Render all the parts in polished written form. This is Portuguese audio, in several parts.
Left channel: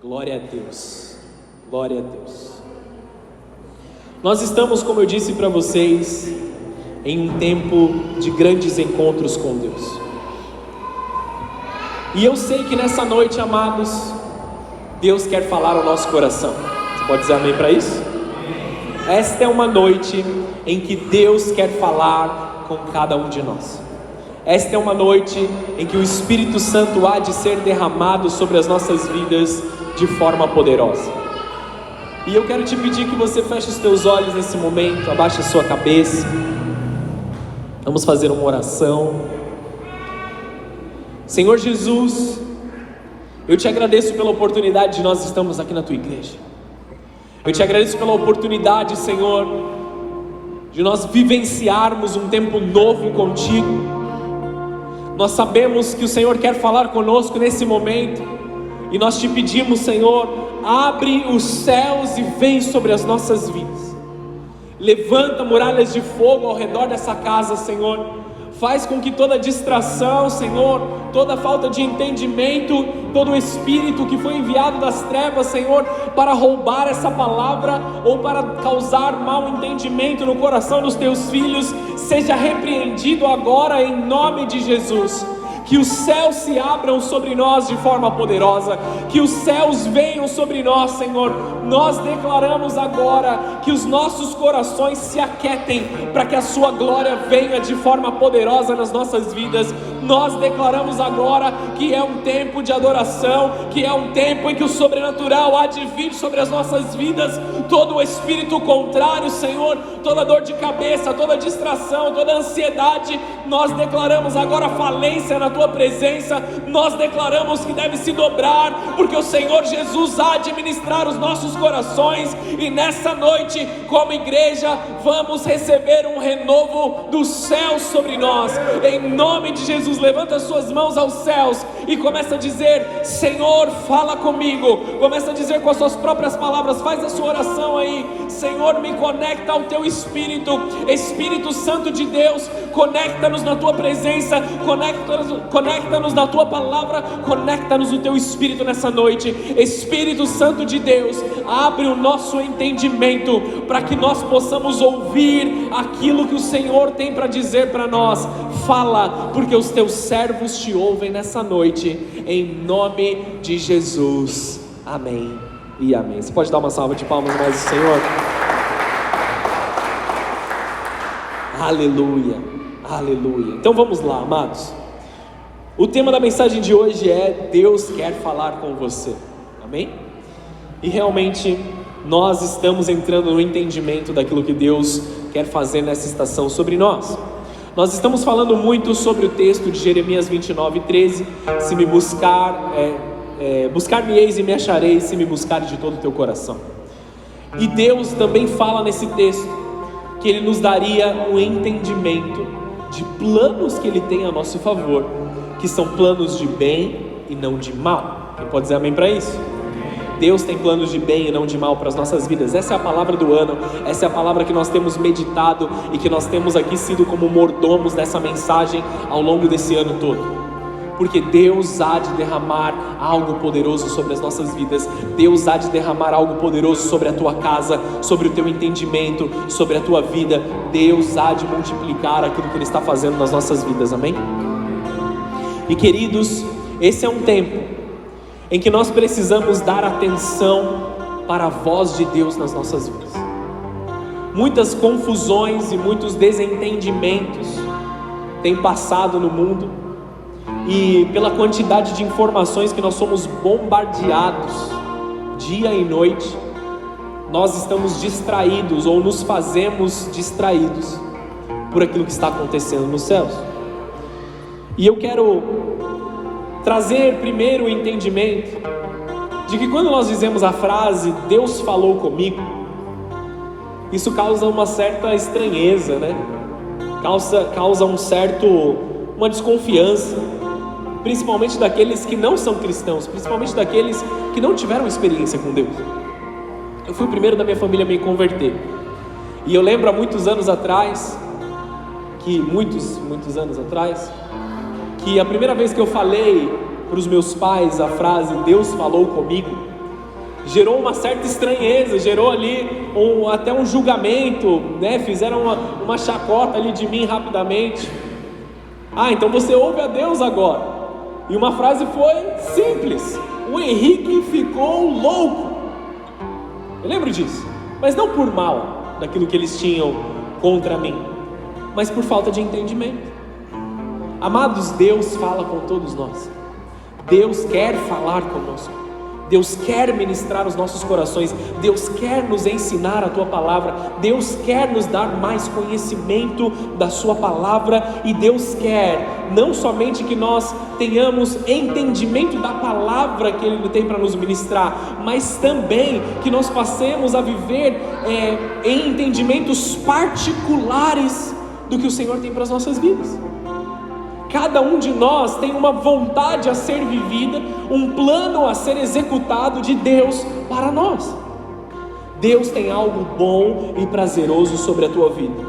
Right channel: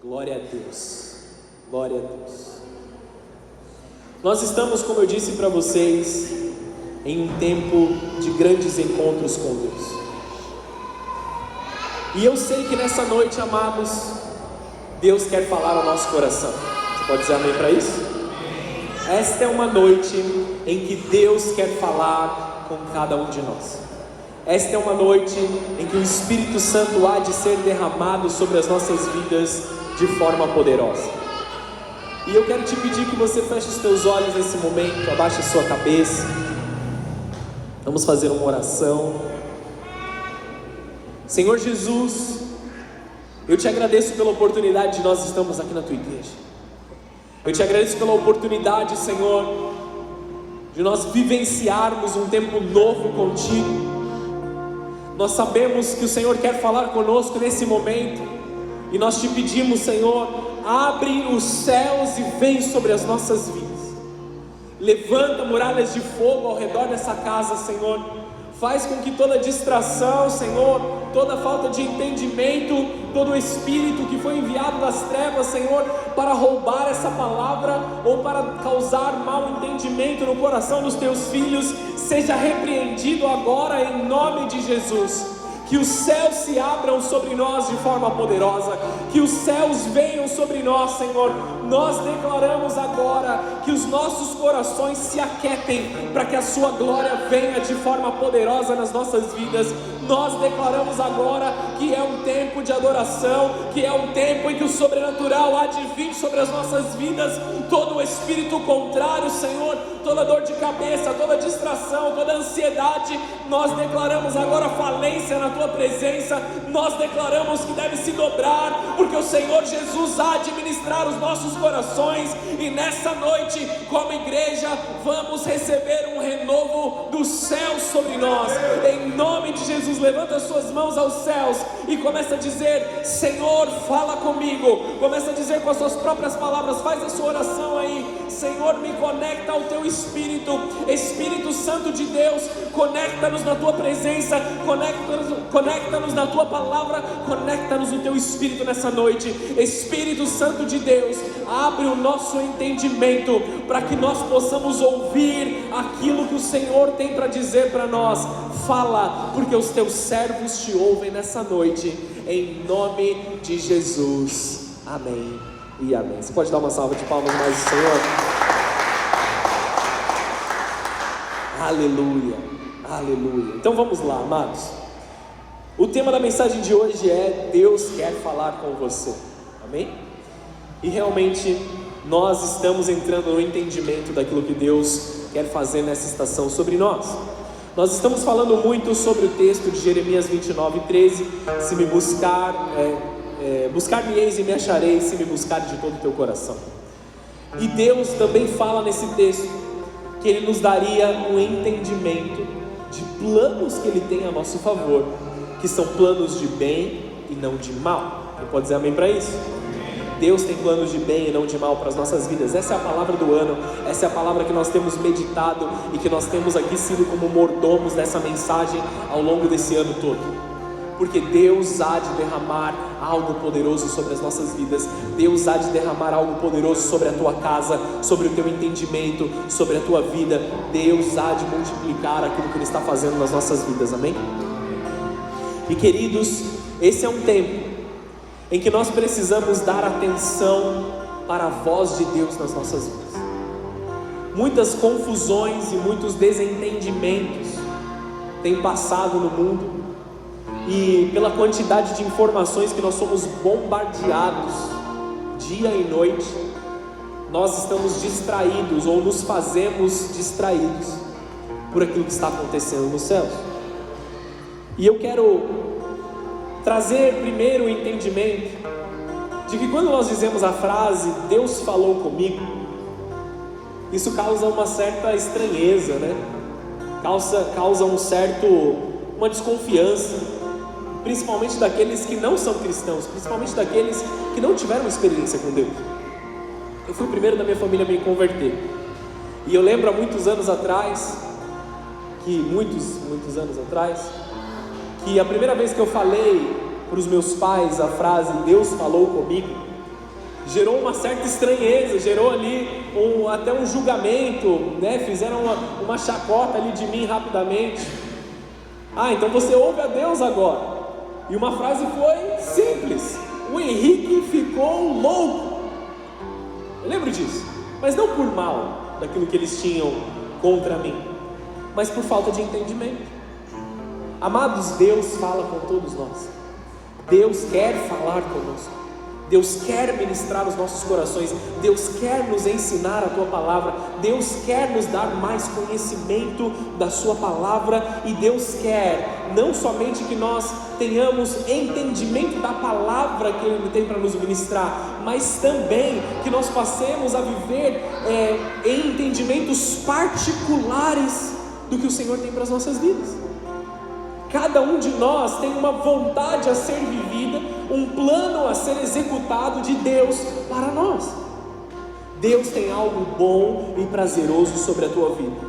Glória a Deus, glória a Deus. Nós estamos, como eu disse para vocês, em um tempo de grandes encontros com Deus. E eu sei que nessa noite, amados, Deus quer falar ao nosso coração. Você pode dizer amém para isso? Esta é uma noite em que Deus quer falar com cada um de nós. Esta é uma noite em que o Espírito Santo há de ser derramado sobre as nossas vidas de forma poderosa. E eu quero te pedir que você feche os teus olhos nesse momento, abaixe a sua cabeça. Vamos fazer uma oração. Senhor Jesus, eu te agradeço pela oportunidade de nós estarmos aqui na tua igreja. Eu te agradeço pela oportunidade, Senhor, de nós vivenciarmos um tempo novo contigo. Nós sabemos que o Senhor quer falar conosco nesse momento, e nós te pedimos, Senhor, abre os céus e vem sobre as nossas vidas. Levanta muralhas de fogo ao redor dessa casa, Senhor. Faz com que toda distração, Senhor, toda falta de entendimento, todo o espírito que foi enviado das trevas, Senhor, para roubar essa palavra ou para causar mau entendimento no coração dos teus filhos, seja repreendido agora em nome de Jesus. Que os céus se abram sobre nós de forma poderosa, que os céus venham sobre nós, Senhor. Nós declaramos agora que os nossos corações se aquietem para que a sua glória venha de forma poderosa nas nossas vidas. Nós declaramos agora que é um tempo de adoração, que é um tempo em que o sobrenatural há de vir sobre as nossas vidas. Todo o espírito contrário, Senhor, toda dor de cabeça, toda distração, toda ansiedade, nós declaramos agora falência na tua presença. Nós declaramos que deve se dobrar, porque o Senhor Jesus há de ministrar os nossos corações, e nessa noite, como igreja, vamos receber um renovo do céu sobre nós, em nome de Jesus. Levanta as suas mãos aos céus e começa a dizer: Senhor, fala comigo. Começa a dizer com as suas próprias palavras, faz a sua oração aí. Senhor, me conecta ao teu Espírito, Espírito Santo de Deus, conecta-nos na tua presença, conecta-nos na tua palavra, conecta-nos no teu Espírito nessa noite. Espírito Santo de Deus, abre o nosso entendimento para que nós possamos ouvir aquilo que o Senhor tem para dizer para nós. Fala, porque os teus servos te ouvem nessa noite, em nome de Jesus, amém e amém. Você pode dar uma salva de palmas para o Senhor? Aleluia, aleluia. Então vamos lá, amados. O tema da mensagem de hoje é: Deus quer falar com você, amém? E realmente nós estamos entrando no entendimento daquilo que Deus quer fazer nessa estação sobre nós. Nós estamos falando muito sobre o texto de Jeremias 29:13. Se me buscar-me-eis e me achareis, se me buscares de todo o teu coração. E Deus também fala nesse texto que Ele nos daria um entendimento de planos que Ele tem a nosso favor, que são planos de bem e não de mal. Quem pode dizer amém para isso? Deus tem planos de bem e não de mal para as nossas vidas. Essa é a palavra do ano, essa é a palavra que nós temos meditado e que nós temos aqui sido como mordomos nessa mensagem ao longo desse ano todo. Porque Deus há de derramar algo poderoso sobre as nossas vidas. Deus há de derramar algo poderoso sobre a tua casa, sobre o teu entendimento, sobre a tua vida. Deus há de multiplicar aquilo que Ele está fazendo nas nossas vidas, amém? E queridos, esse é um tempo em que nós precisamos dar atenção para a voz de Deus nas nossas vidas. Muitas confusões e muitos desentendimentos têm passado no mundo, e pela quantidade de informações que nós somos bombardeados dia e noite, nós estamos distraídos ou nos fazemos distraídos por aquilo que está acontecendo nos céus. E eu quero trazer primeiro o entendimento de que quando nós dizemos a frase Deus falou comigo, isso causa uma certa estranheza, né? Causa uma desconfiança, principalmente daqueles que não são cristãos, principalmente daqueles que não tiveram experiência com Deus. Eu fui o primeiro da minha família a me converter, e eu lembro há muitos anos atrás, que a primeira vez que eu falei para os meus pais a frase Deus falou comigo, gerou uma certa estranheza, gerou ali até um julgamento, né? Fizeram uma chacota ali de mim rapidamente. Então você ouve a Deus agora. E uma frase foi simples: o Henrique ficou louco. Eu lembro disso, mas não por mal daquilo que eles tinham contra mim, mas por falta de entendimento. Amados, Deus fala com todos nós. Deus quer falar conosco. Deus quer ministrar os nossos corações. Deus quer nos ensinar a Tua palavra. Deus quer nos dar mais conhecimento da Sua palavra. E Deus quer não somente que nós tenhamos entendimento da palavra que Ele tem para nos ministrar, mas também que nós passemos a viver em entendimentos particulares do que o Senhor tem para as nossas vidas. Cada um de nós tem uma vontade a ser vivida, um plano a ser executado de Deus para nós. Deus tem algo bom e prazeroso sobre a tua vida.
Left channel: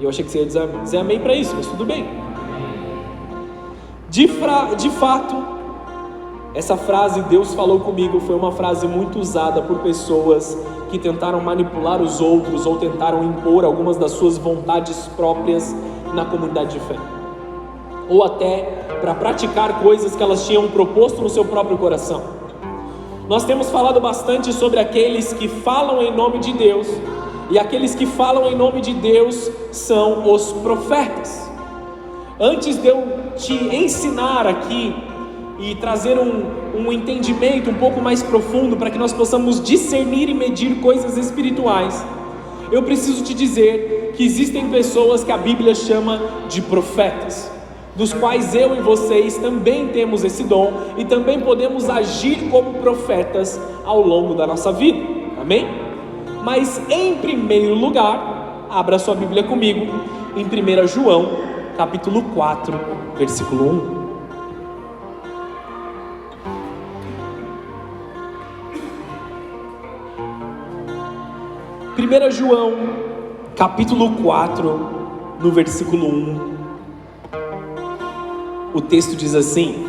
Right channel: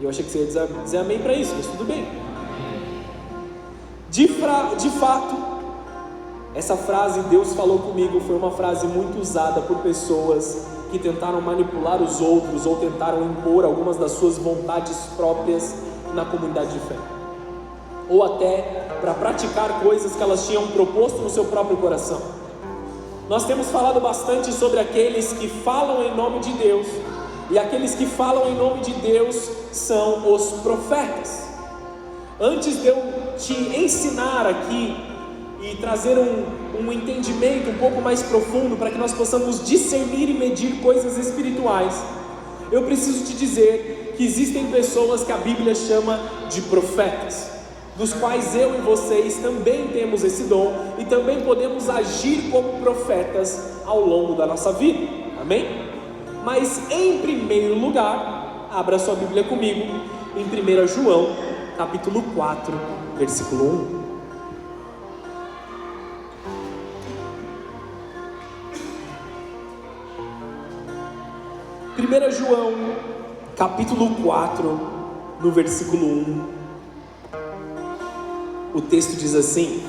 Eu achei que você ia dizer amém para isso, mas tudo bem. De fato, essa frase "Deus falou comigo" foi uma frase muito usada por pessoas que tentaram manipular os outros ou tentaram impor algumas das suas vontades próprias na comunidade de fé, ou até para praticar coisas que elas tinham proposto no seu próprio coração. Nós temos falado bastante sobre aqueles que falam em nome de Deus, e aqueles que falam em nome de Deus são os profetas. Antes de eu te ensinar aqui e trazer um entendimento um pouco mais profundo para que nós possamos discernir e medir coisas espirituais, eu preciso te dizer que existem pessoas que a Bíblia chama de profetas, dos quais eu e vocês também temos esse dom e também podemos agir como profetas ao longo da nossa vida, amém? Mas em primeiro lugar, abra sua Bíblia comigo em 1 João, capítulo 4, versículo 1. 1 João, capítulo 4, no versículo 1, o texto diz assim:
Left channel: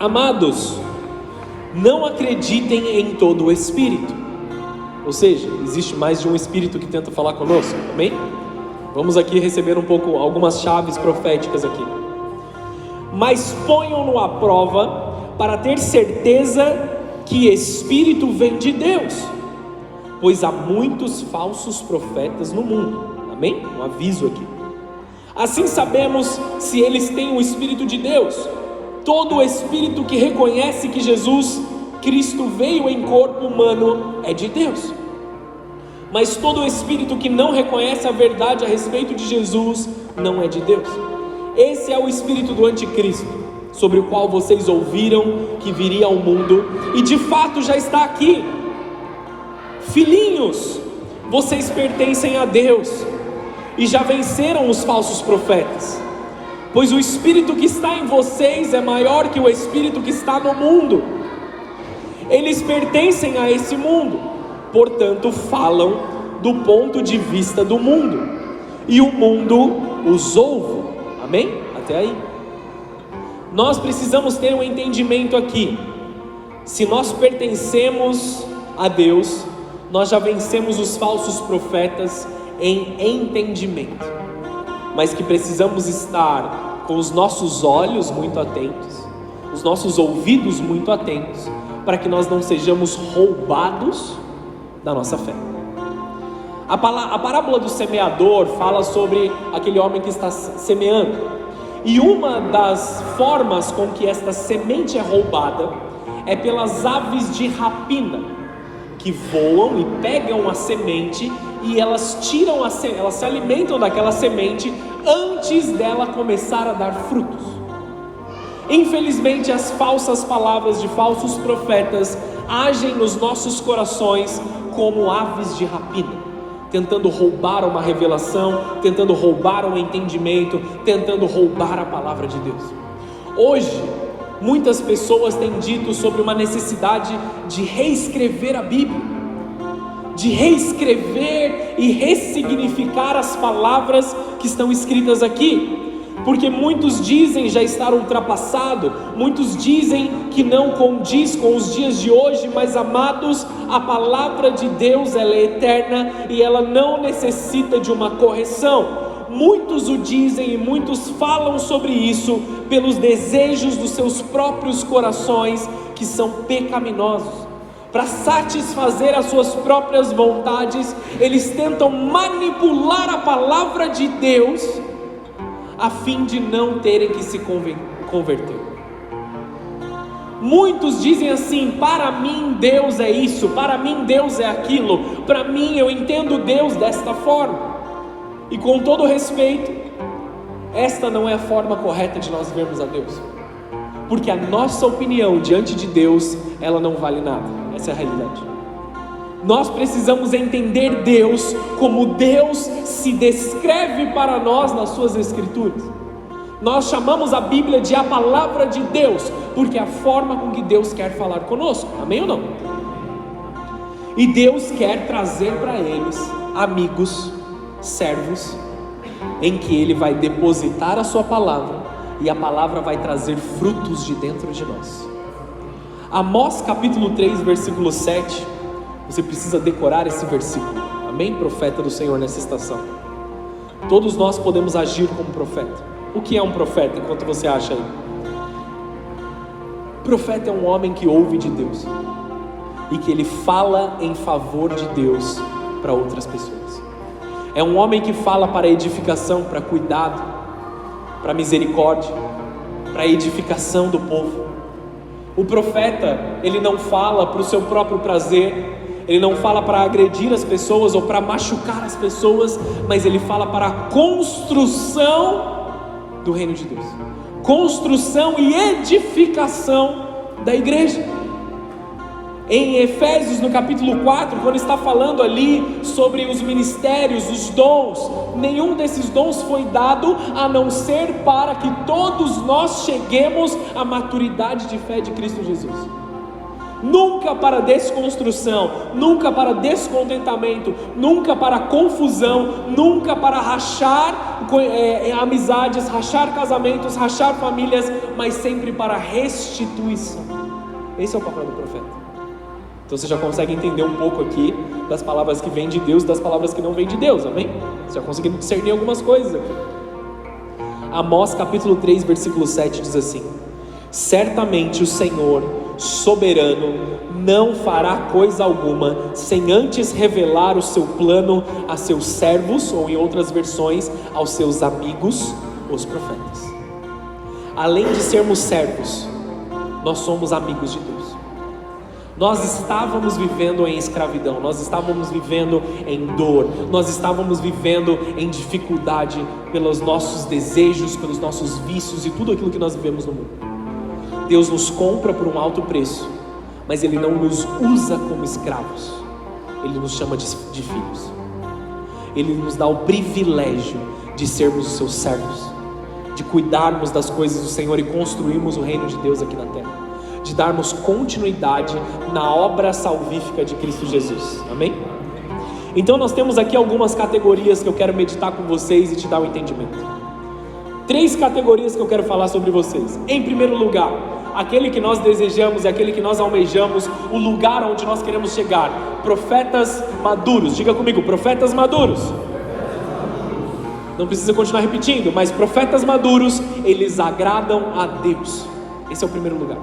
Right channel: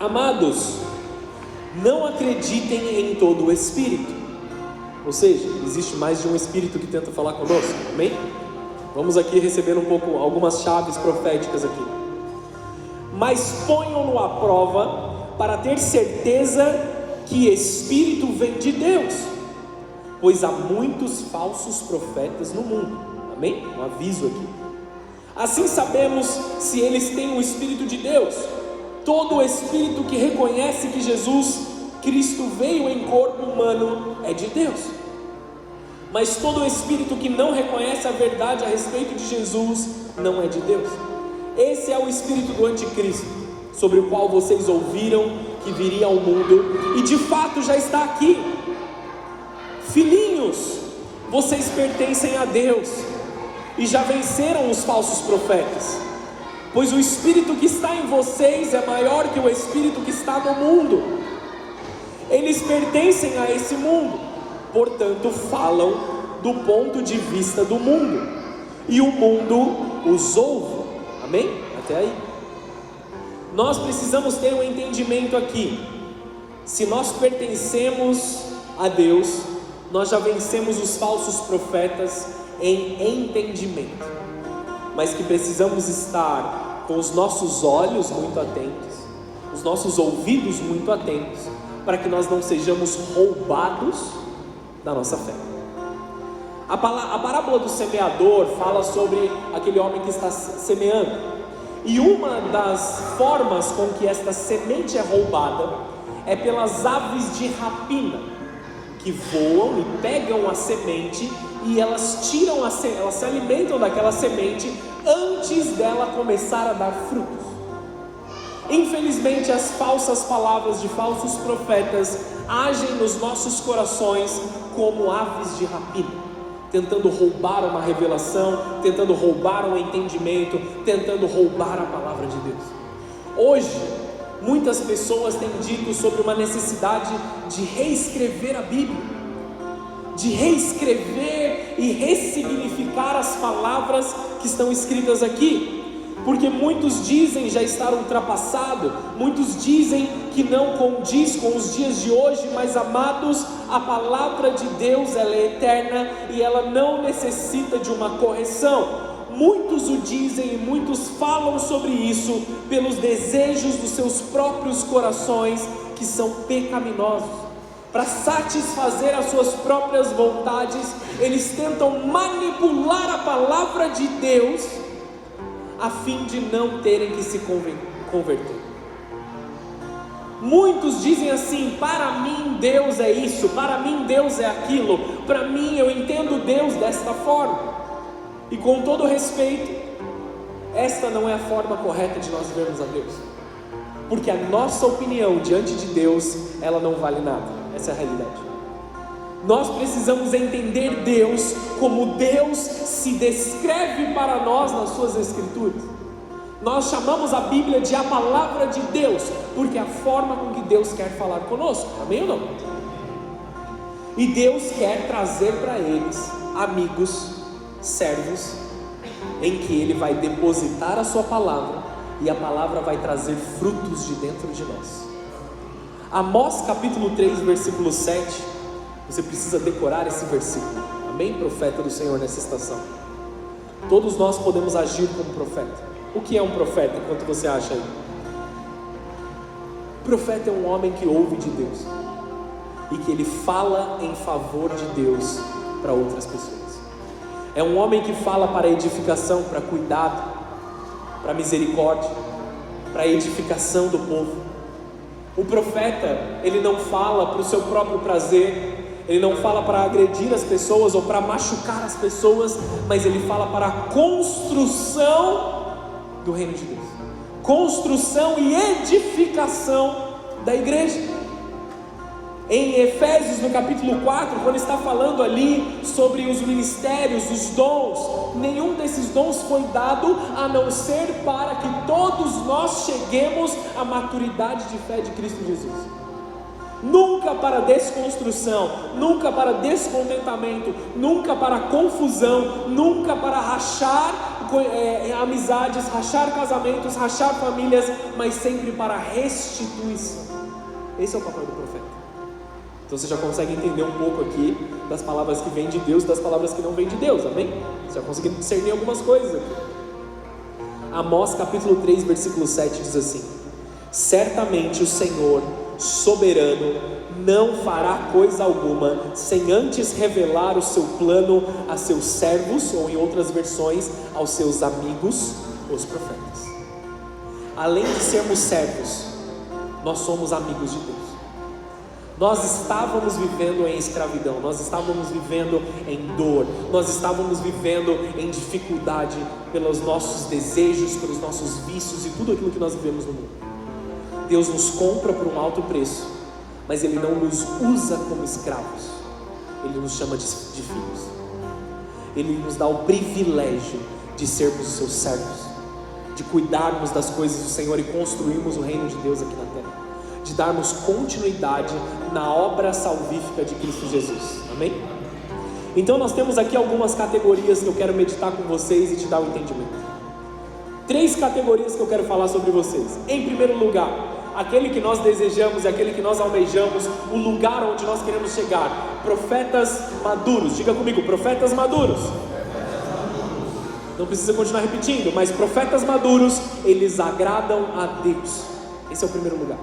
amados, não acreditem em todo o espírito. Ou seja, existe mais de um espírito que tenta falar conosco, amém? Vamos aqui receber algumas chaves proféticas aqui. Mas ponham-no à prova para ter certeza que espírito vem de Deus, pois há muitos falsos profetas no mundo, amém? Um aviso aqui. Assim sabemos se eles têm o Espírito de Deus. Todo espírito que reconhece que Jesus Cristo veio em corpo humano é de Deus. Mas todo espírito que não reconhece a verdade a respeito de Jesus não é de Deus. Esse é o espírito do anticristo, sobre o qual vocês ouviram que viria ao mundo, e de fato já está aqui. Filhinhos, vocês pertencem a Deus e já venceram os falsos profetas, pois o espírito que está em vocês é maior que o espírito que está no mundo. Eles pertencem a esse mundo, portanto falam do ponto de vista do mundo, e o mundo os ouve, amém? Até aí. Nós precisamos ter um entendimento aqui. Se nós pertencemos a Deus, nós já vencemos os falsos profetas em entendimento, mas que precisamos estar com os nossos olhos muito atentos, os nossos ouvidos muito atentos, para que nós não sejamos roubados da nossa fé. A parábola do semeador fala sobre aquele homem que está semeando, e uma das formas com que esta semente é roubada é pelas aves de rapina, que voam e pegam a semente e elas se alimentam daquela semente antes dela começar a dar frutos. Infelizmente, as falsas palavras de falsos profetas agem nos nossos corações como aves de rapina, tentando roubar uma revelação, tentando roubar um entendimento, tentando roubar a palavra de Deus. Hoje, muitas pessoas têm dito sobre uma necessidade de reescrever a Bíblia, de reescrever e ressignificar as palavras que estão escritas aqui, porque muitos dizem já estar ultrapassado, muitos dizem que não condiz com os dias de hoje, mas amados, a palavra de Deus ela é eterna e ela não necessita de uma correção. Muitos o dizem e muitos falam sobre isso pelos desejos dos seus próprios corações, que são pecaminosos. Para satisfazer as suas próprias vontades, eles tentam manipular a palavra de Deus, a fim de não terem que se converter. Muitos dizem assim: para mim Deus é isso, para mim Deus é aquilo, para mim eu entendo Deus desta forma. E com todo respeito, esta não é a forma correta de nós vermos a Deus, porque a nossa opinião diante de Deus, ela não vale nada. Essa é a realidade. Nós precisamos entender Deus como Deus se descreve para nós nas suas escrituras. Nós chamamos a Bíblia de a palavra de Deus, porque é a forma com que Deus quer falar conosco, amém ou não? E Deus quer trazer para eles amigos, servos, em que Ele vai depositar a sua palavra, e a palavra vai trazer frutos de dentro de nós. Amós capítulo 3, versículo 7, você precisa decorar esse versículo, amém? Profeta do Senhor nessa estação. Todos nós podemos agir como profeta. O que é um profeta, enquanto você acha aí? Profeta é um homem que ouve de Deus e que ele fala em favor de Deus para outras pessoas. É um homem que fala para edificação, para cuidado, para misericórdia, para edificação do povo. O profeta, ele não fala para o seu próprio prazer, ele não fala para agredir as pessoas ou para machucar as pessoas, mas ele fala para a construção do reino de Deus, construção e edificação da igreja. Em Efésios, no capítulo 4, quando está falando ali sobre os ministérios, os dons, nenhum desses dons foi dado a não ser para que todos nós cheguemos à maturidade de fé de Cristo Jesus. Nunca para desconstrução, nunca para descontentamento, nunca para confusão, nunca para rachar amizades, rachar casamentos, rachar famílias, mas sempre para restituição. Esse é o papel do profeta. Então você já consegue entender um pouco aqui das palavras que vêm de Deus, das palavras que não vêm de Deus, amém? Você já conseguiu discernir algumas coisas aqui. Amós capítulo 3, versículo 7 diz assim: certamente o Senhor soberano não fará coisa alguma sem antes revelar o seu plano a seus servos, ou em outras versões, aos seus amigos, os profetas. Além de sermos servos, nós somos amigos de Deus. Nós estávamos vivendo em escravidão, nós estávamos vivendo em dor, nós estávamos vivendo em dificuldade pelos nossos desejos, pelos nossos vícios e tudo aquilo que nós vivemos no mundo. Deus nos compra por um alto preço, mas Ele não nos usa como escravos, Ele nos chama de filhos. Ele nos dá o privilégio de sermos os seus servos, de cuidarmos das coisas do Senhor e construirmos o reino de Deus aqui na terra, de darmos continuidade na obra salvífica de Cristo Jesus, amém? Então nós temos aqui algumas categorias que eu quero meditar com vocês e te dar um entendimento. 3 categorias que eu quero falar sobre vocês. Em primeiro lugar, aquele que nós desejamos e aquele que nós almejamos, o lugar onde nós queremos chegar. Profetas maduros, diga comigo, profetas maduros. Não precisa continuar repetindo, mas profetas maduros, eles agradam a Deus. Esse é o primeiro lugar.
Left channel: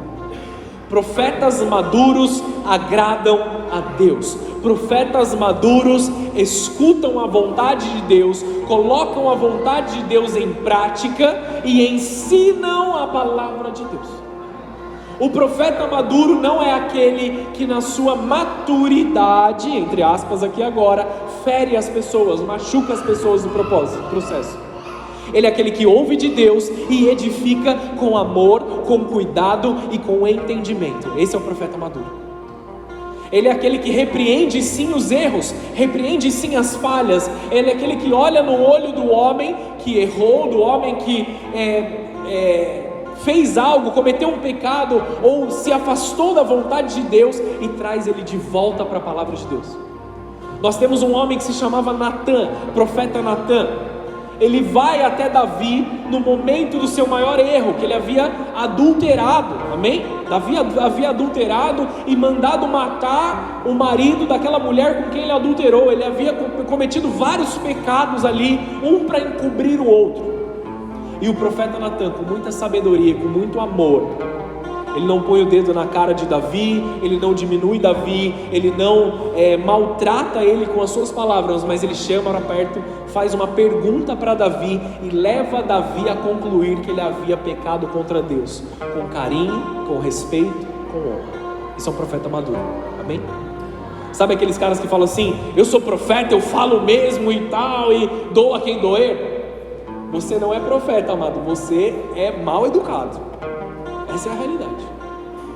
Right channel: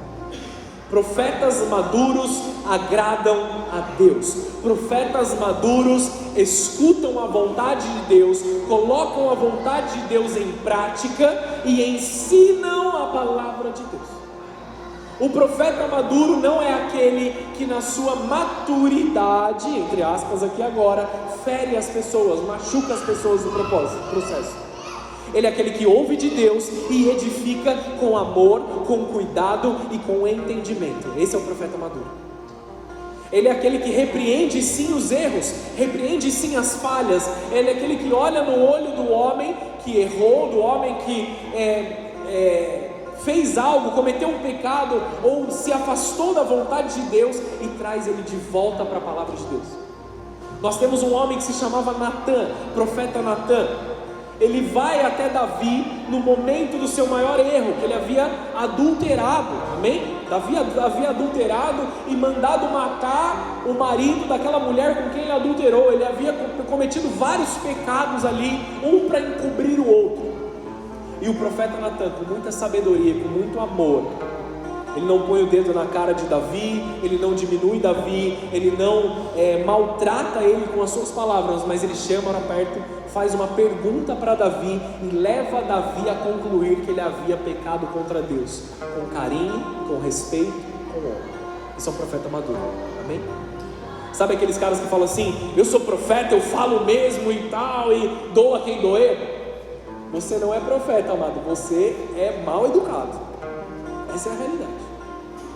Profetas maduros agradam a Deus. Profetas maduros escutam a vontade de Deus, colocam a vontade de Deus em prática e ensinam a palavra de Deus. O profeta maduro não é aquele que na sua maturidade, entre aspas aqui agora, fere as pessoas, machuca as pessoas do processo. Ele é aquele que ouve de Deus e edifica com amor, com cuidado e com entendimento. Esse é o profeta maduro. Ele é aquele que repreende sim os erros, repreende sim as falhas. Ele é aquele que olha no olho do homem que errou, do homem que fez algo, cometeu um pecado ou se afastou da vontade de Deus e traz ele de volta para a palavra de Deus. Nós temos um homem que se chamava Natã, profeta Natã. Ele vai até Davi no momento do seu maior erro, que ele havia adulterado, amém? Davi havia adulterado e mandado matar o marido daquela mulher com quem ele adulterou. Ele havia cometido vários pecados ali, um para encobrir o outro. E o profeta Natan, com muita sabedoria, com muito amor, ele não põe o dedo na cara de Davi, ele não diminui Davi, ele não maltrata ele com as suas palavras, mas ele chama para perto, faz uma pergunta para Davi e leva Davi a concluir que ele havia pecado contra Deus, com carinho, com respeito, com honra. Isso é um profeta maduro, amém? Sabe aqueles caras que falam assim, eu sou profeta, eu falo mesmo e tal, e dou a quem doer? Você não é profeta, amado, você é mal educado. Essa é a realidade.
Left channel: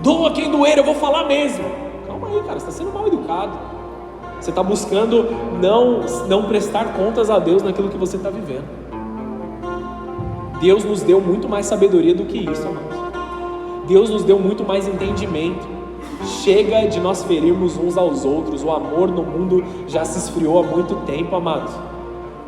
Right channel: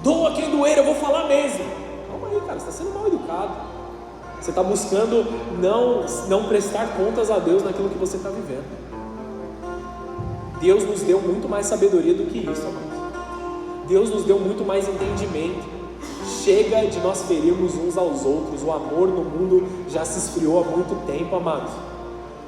Doa quem doer, eu vou falar mesmo. Calma aí, cara, você está sendo mal educado. Você está buscando não prestar contas a Deus naquilo que você está vivendo. Deus nos deu muito mais sabedoria do que isso, amados. Deus nos deu muito mais entendimento. Chega de nós ferirmos uns aos outros. O amor no mundo já se esfriou há muito tempo, amados.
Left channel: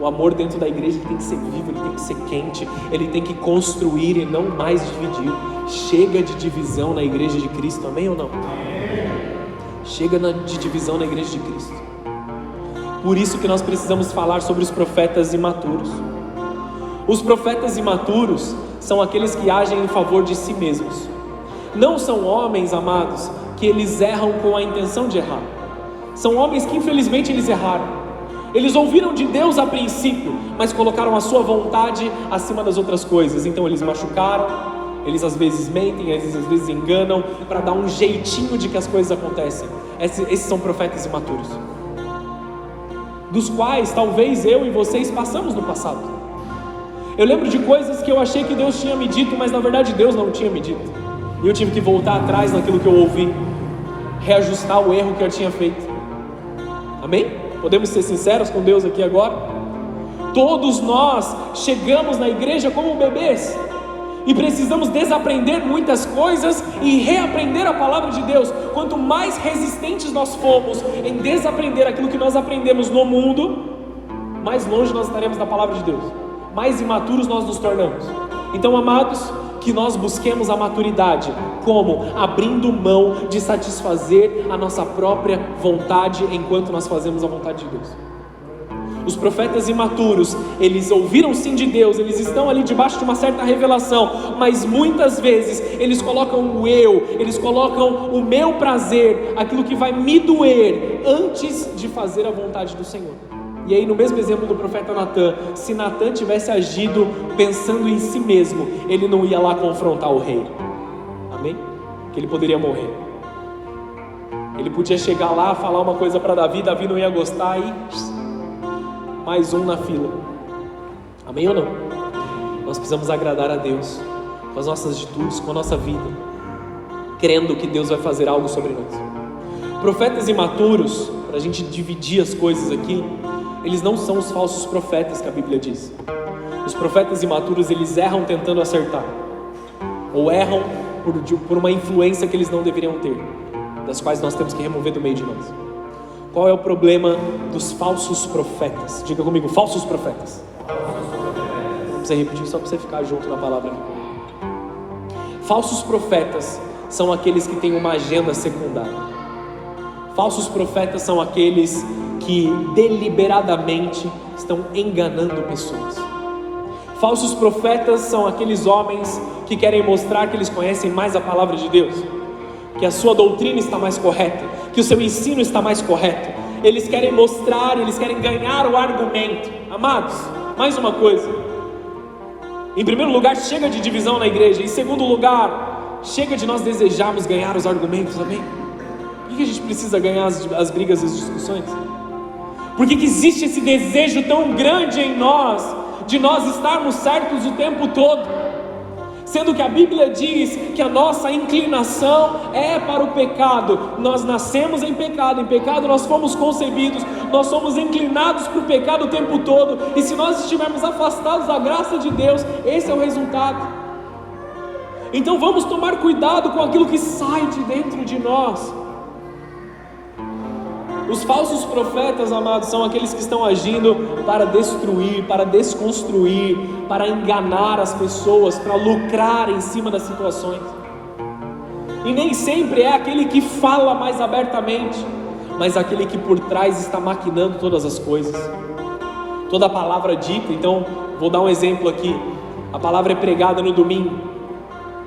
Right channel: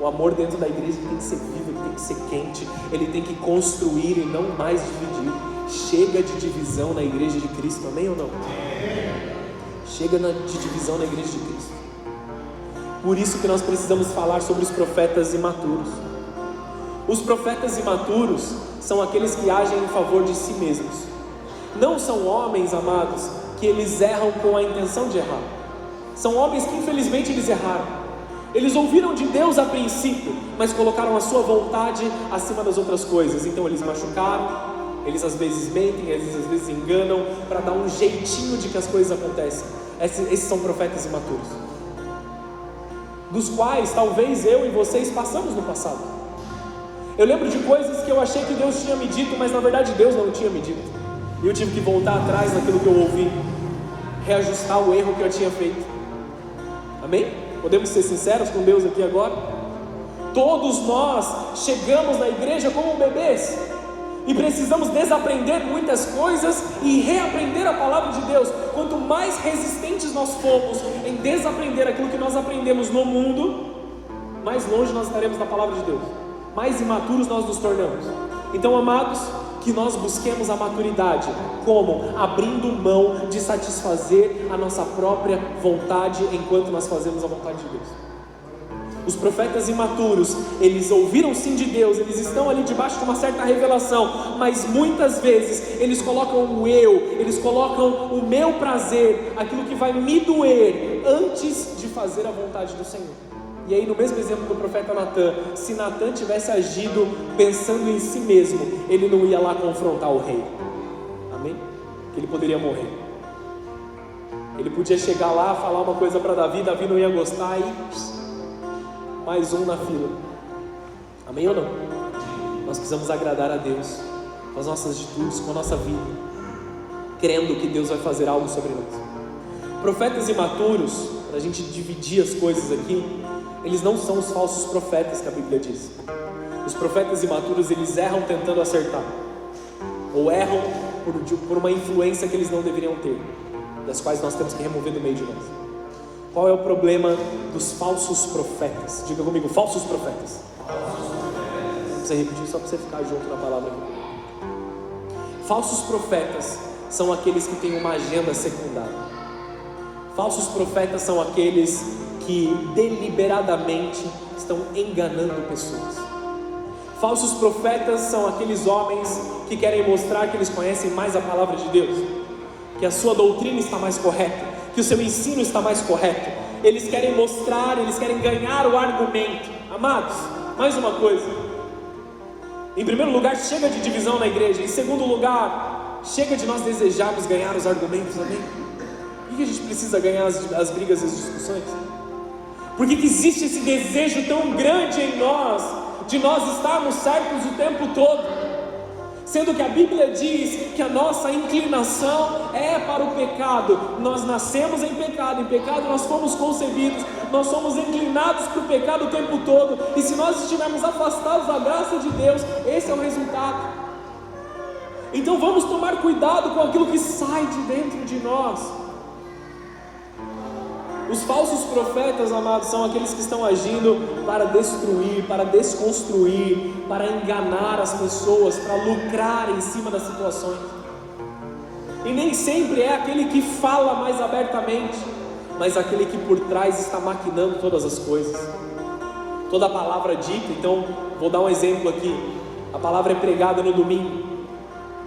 O amor dentro da igreja tem que ser vivo, ele tem que ser quente, ele tem que construir e não mais dividir. Chega de divisão na igreja de Cristo, amém ou não? Amém. Chega de divisão na igreja de Cristo. Por isso que nós precisamos falar sobre os profetas imaturos. Os profetas imaturos são aqueles que agem em favor de si mesmos. Não são homens, amados, que eles erram com a intenção de errar. São homens que infelizmente eles erraram. Eles ouviram de Deus a princípio, mas colocaram a sua vontade acima das outras coisas. Então eles machucaram, eles às vezes mentem, às vezes enganam, para dar um jeitinho de que as coisas acontecem. Esses são profetas imaturos, dos quais talvez eu e vocês passamos no passado. Eu lembro de coisas que eu achei que Deus tinha me dito, mas na verdade Deus não tinha me dito. E eu tive que voltar atrás naquilo que eu ouvi, reajustar o erro que eu tinha feito. Amém? Podemos ser sinceros com Deus aqui agora? Todos nós chegamos na igreja como bebês e precisamos desaprender muitas coisas e reaprender a palavra de Deus. Quanto mais resistentes nós formos em desaprender aquilo que nós aprendemos no mundo, mais longe nós estaremos da palavra de Deus, mais imaturos nós nos tornamos. Então, amados, que nós busquemos a maturidade, como? Abrindo mão de satisfazer a nossa própria vontade enquanto nós fazemos a vontade de Deus. Os profetas imaturos, eles ouviram sim de Deus, eles estão ali debaixo de uma certa revelação, mas muitas vezes eles colocam o eu, eles colocam o meu prazer, aquilo que vai me doer, antes de fazer a vontade do Senhor. E aí, no mesmo exemplo do profeta Natan, se Natan tivesse agido pensando em si mesmo, ele não ia lá confrontar o rei, amém? Que ele poderia morrer. Ele podia chegar lá, falar uma coisa para Davi, Davi não ia gostar e mais um na fila, amém ou não? Nós precisamos agradar a Deus com as nossas atitudes, com a nossa vida, crendo que Deus vai fazer algo sobre nós. Profetas imaturos, para a gente dividir as coisas aqui, eles não são os falsos profetas que a Bíblia diz. Os profetas imaturos, eles erram tentando acertar, ou erram por uma influência que eles não deveriam ter, das quais nós temos que remover do meio de nós. Qual é o problema dos falsos profetas? Diga comigo, falsos profetas. Não precisa repetir, só para você ficar junto na palavra. Falsos profetas são aqueles que têm uma agenda secundária. Falsos profetas são aqueles que deliberadamente estão enganando pessoas. Falsos profetas são aqueles homens que querem mostrar que eles conhecem mais a palavra de Deus, que a sua doutrina está mais correta, que o seu ensino está mais correto. Eles querem mostrar, eles querem ganhar o argumento. Amados, mais uma coisa: em primeiro lugar, chega de divisão na igreja. Em segundo lugar, chega de nós desejarmos ganhar os argumentos, amém? Por que a gente precisa ganhar as brigas e as discussões? Por que existe esse desejo tão grande em nós, de nós estarmos certos o tempo todo? Sendo que a Bíblia diz que a nossa inclinação é para o pecado. Nós nascemos em pecado nós fomos concebidos, nós somos inclinados para o pecado o tempo todo. E se nós estivermos afastados da graça de Deus, esse é o resultado. Então vamos tomar cuidado com aquilo que sai de dentro de nós. Os falsos profetas, amados, são aqueles que estão agindo para destruir, para desconstruir, para enganar as pessoas, para lucrar em cima das situações. E nem sempre é aquele que fala mais abertamente, mas aquele que por trás está maquinando todas as coisas. Toda a palavra dita, então, vou dar um exemplo aqui. A palavra é pregada no domingo.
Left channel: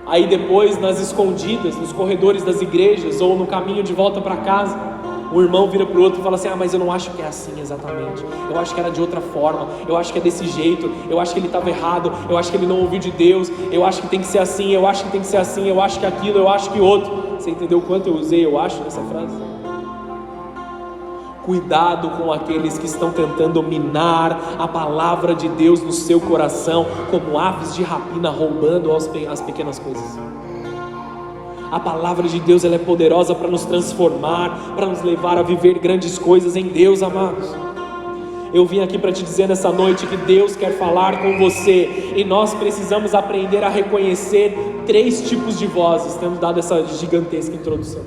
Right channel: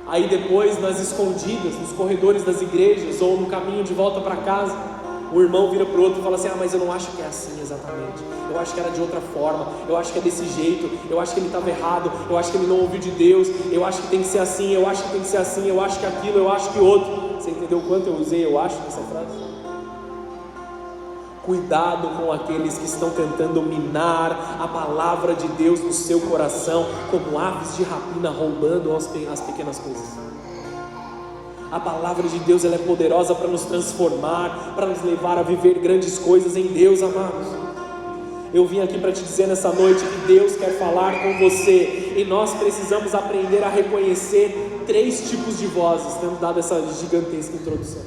Aí depois, nas escondidas, nos corredores das igrejas, ou no caminho de volta para casa, o irmão vira para o outro e fala assim: mas eu não acho que é assim exatamente, eu acho que era de outra forma, eu acho que é desse jeito, eu acho que ele estava errado, eu acho que ele não ouviu de Deus, eu acho que tem que ser assim, eu acho que tem que ser assim, eu acho que aquilo, eu acho que outro. Você entendeu quanto eu usei eu acho nessa frase? Cuidado com aqueles que estão tentando minar a palavra de Deus no seu coração, como aves de rapina roubando as pequenas coisas. A palavra de Deus, ela é poderosa para nos transformar, para nos levar a viver grandes coisas em Deus, amados. Eu vim aqui para te dizer nessa noite que Deus quer falar com você, e nós precisamos aprender a reconhecer 3 tipos de vozes. Temos dado essa gigantesca introdução.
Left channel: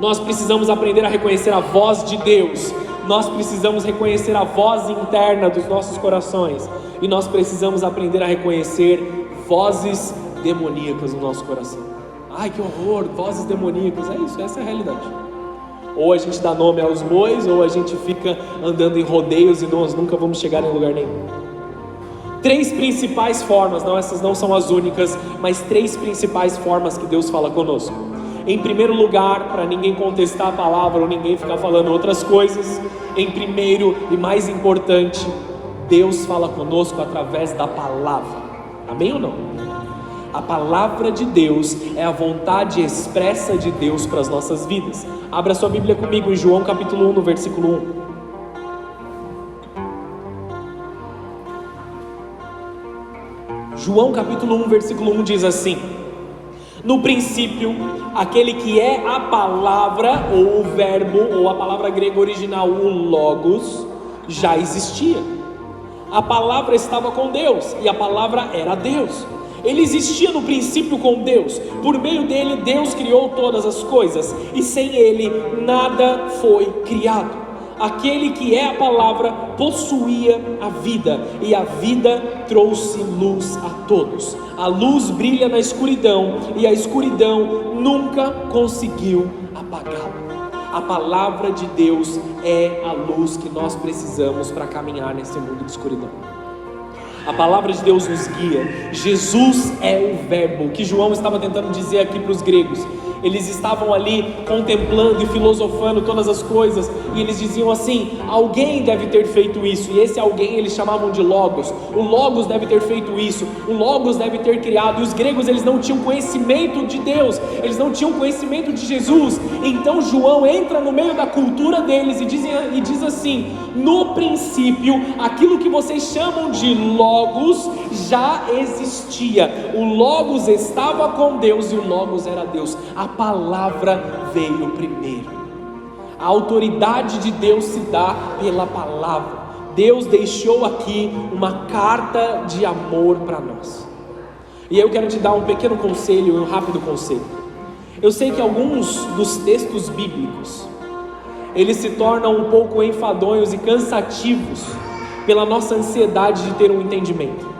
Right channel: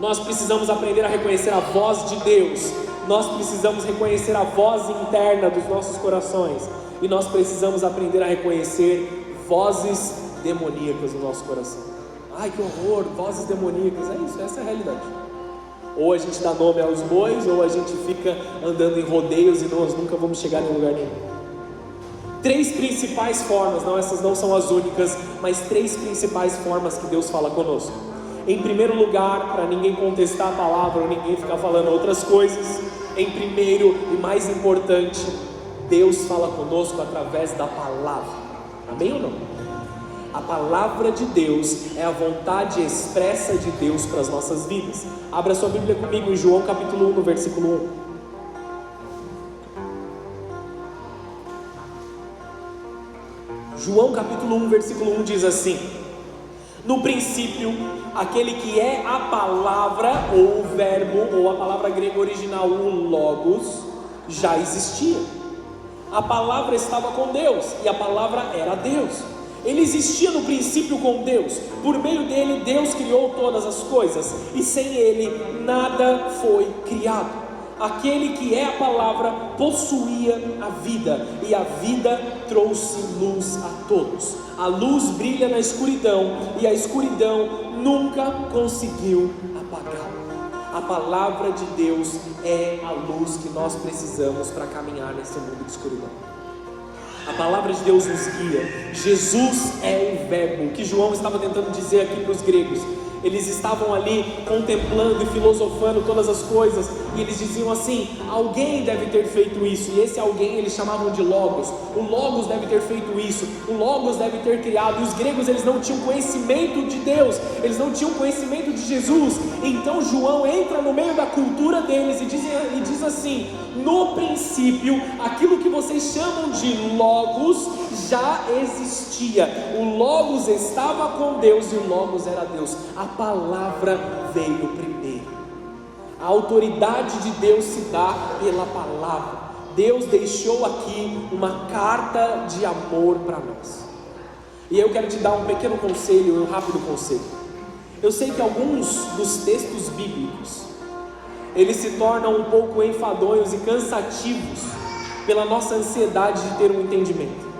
Nós precisamos aprender a reconhecer a voz de Deus, nós precisamos reconhecer a voz interna dos nossos corações, e nós precisamos aprender a reconhecer vozes demoníacas no nosso coração. Ai, que horror, vozes demoníacas, é isso, essa é a realidade. Ou a gente dá nome aos bois, ou a gente fica andando em rodeios e nós nunca vamos chegar em lugar nenhum. 3 principais formas, não, essas não são as únicas, mas 3 principais formas que Deus fala conosco. Em primeiro lugar, para ninguém contestar a palavra ou ninguém ficar falando outras coisas, em primeiro e mais importante, Deus fala conosco através da palavra. Amém ou não? A palavra de Deus é a vontade expressa de Deus para as nossas vidas. Abra sua Bíblia comigo em João capítulo 1, no versículo 1. João capítulo 1, versículo 1 diz assim: no princípio, aquele que é a palavra, ou o verbo, ou a palavra grega original, o logos, já existia. A palavra estava com Deus, e a palavra era Deus. Ele existia no princípio com Deus. Por meio dele, Deus criou todas as coisas, e sem ele, nada foi criado. Aquele que é a palavra possuía a vida, e a vida trouxe luz a todos. A luz brilha na escuridão, e a escuridão nunca conseguiu apagar. A palavra de Deus é a luz que nós precisamos para caminhar nesse mundo de escuridão. A palavra de Deus nos guia. Jesus é o verbo, que João estava tentando dizer aqui para os gregos. Eles estavam ali contemplando e filosofando todas as coisas, e eles diziam assim: alguém deve ter feito isso, e esse alguém eles chamavam de Logos. O Logos deve ter feito isso, o Logos deve ter criado. E os gregos, eles não tinham conhecimento de Deus, eles não tinham conhecimento de Jesus. Então João entra no meio da cultura deles e diz assim: no princípio, aquilo que vocês chamam de Logos já existia. O Logos estava com Deus e o Logos era Deus. A palavra veio primeiro. A autoridade de Deus se dá pela palavra. Deus deixou aqui uma carta de amor para nós. E eu quero te dar um pequeno conselho, um rápido conselho. Eu sei que alguns dos textos bíblicos, eles se tornam um pouco enfadonhos e cansativos pela nossa ansiedade de ter um entendimento.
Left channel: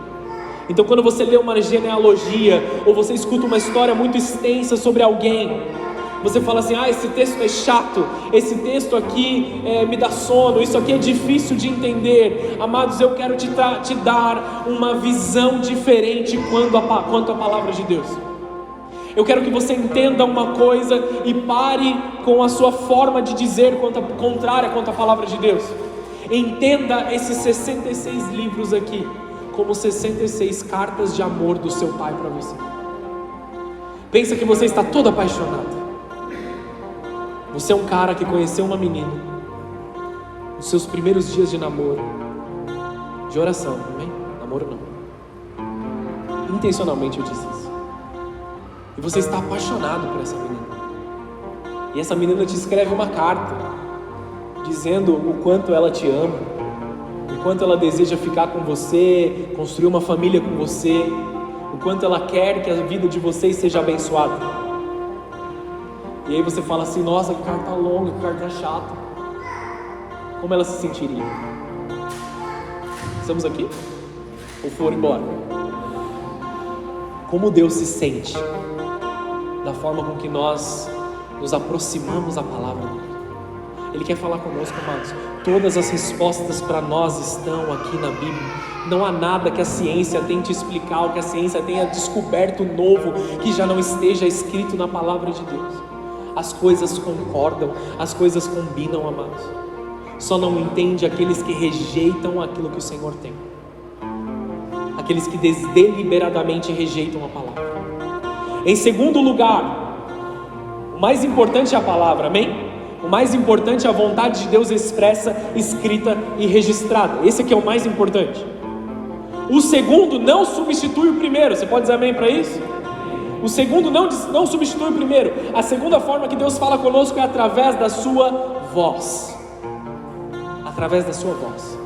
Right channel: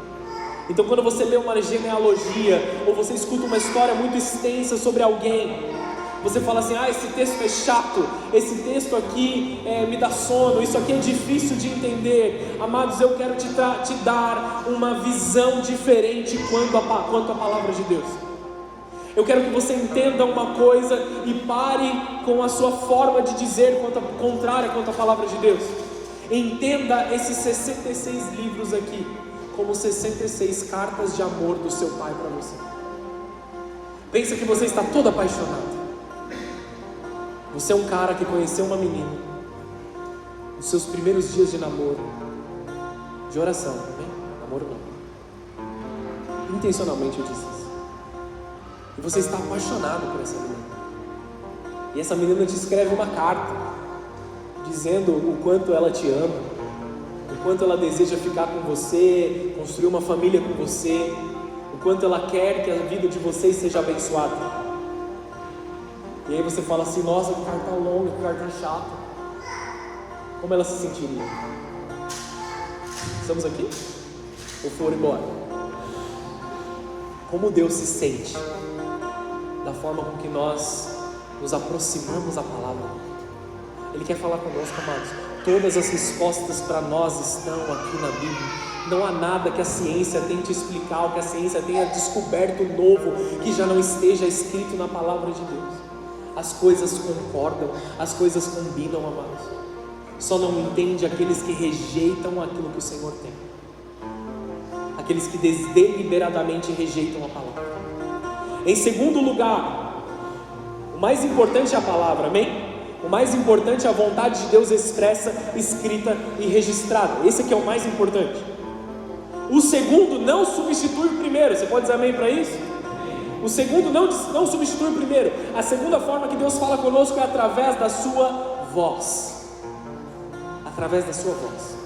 Então, quando você lê uma genealogia, ou você escuta uma história muito extensa sobre alguém, você fala assim: esse texto é chato, esse texto aqui me dá sono, isso aqui é difícil de entender. Amados, eu quero te dar uma visão diferente quanto à palavra de Deus. Eu quero que você entenda uma coisa e pare com a sua forma de dizer contrária quanto à palavra de Deus. Entenda esses 66 livros aqui como 66 cartas de amor do seu pai para você. Pensa que você está todo apaixonado. Você é um cara que conheceu uma menina nos seus primeiros dias de namoro, de oração, amém? Namoro não. Intencionalmente eu disse isso. E você está apaixonado por essa menina. E essa menina te escreve uma carta dizendo o quanto ela te ama, o quanto ela deseja ficar com você, construir uma família com você, o quanto ela quer que a vida de vocês seja abençoada. E aí você fala assim: nossa, que carta longa, que carta chata. Como ela se sentiria? Estamos aqui? Ou foram embora? Como Deus se sente na forma com que nós nos aproximamos da palavra? Ele quer falar conosco, amados. Todas as respostas para nós estão aqui na Bíblia. Não há nada que a ciência tente explicar, ou que a ciência tenha descoberto novo, que já não esteja escrito na palavra de Deus. As coisas concordam, as coisas combinam, amados. Só não entende aqueles que rejeitam aquilo que o Senhor tem. Aqueles que deliberadamente rejeitam a palavra. Em segundo lugar, o mais importante é a palavra, amém? O mais importante é a vontade de Deus expressa, escrita e registrada. Esse aqui é o mais importante. O segundo não substitui o primeiro. Você pode dizer amém para isso? O segundo não substitui o primeiro. A segunda forma que Deus fala conosco é através da sua voz. Através da sua voz.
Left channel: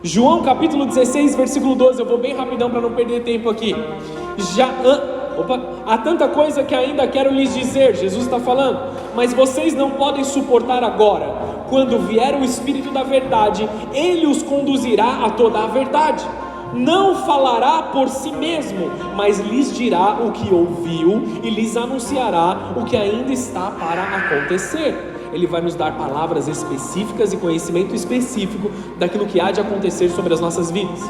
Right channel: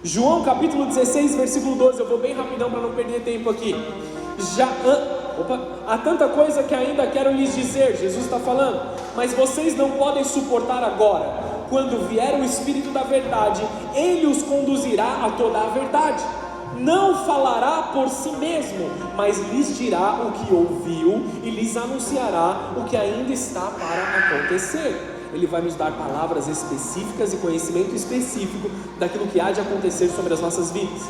João capítulo 16, versículo 12. Eu vou bem rapidão para não perder tempo aqui. Há tanta coisa que ainda quero lhes dizer, Jesus está falando, mas vocês não podem suportar agora. Quando vier o Espírito da verdade, Ele os conduzirá a toda a verdade. Não falará por si mesmo, mas lhes dirá o que ouviu e lhes anunciará o que ainda está para acontecer. Ele vai nos dar palavras específicas e conhecimento específico daquilo que há de acontecer sobre as nossas vidas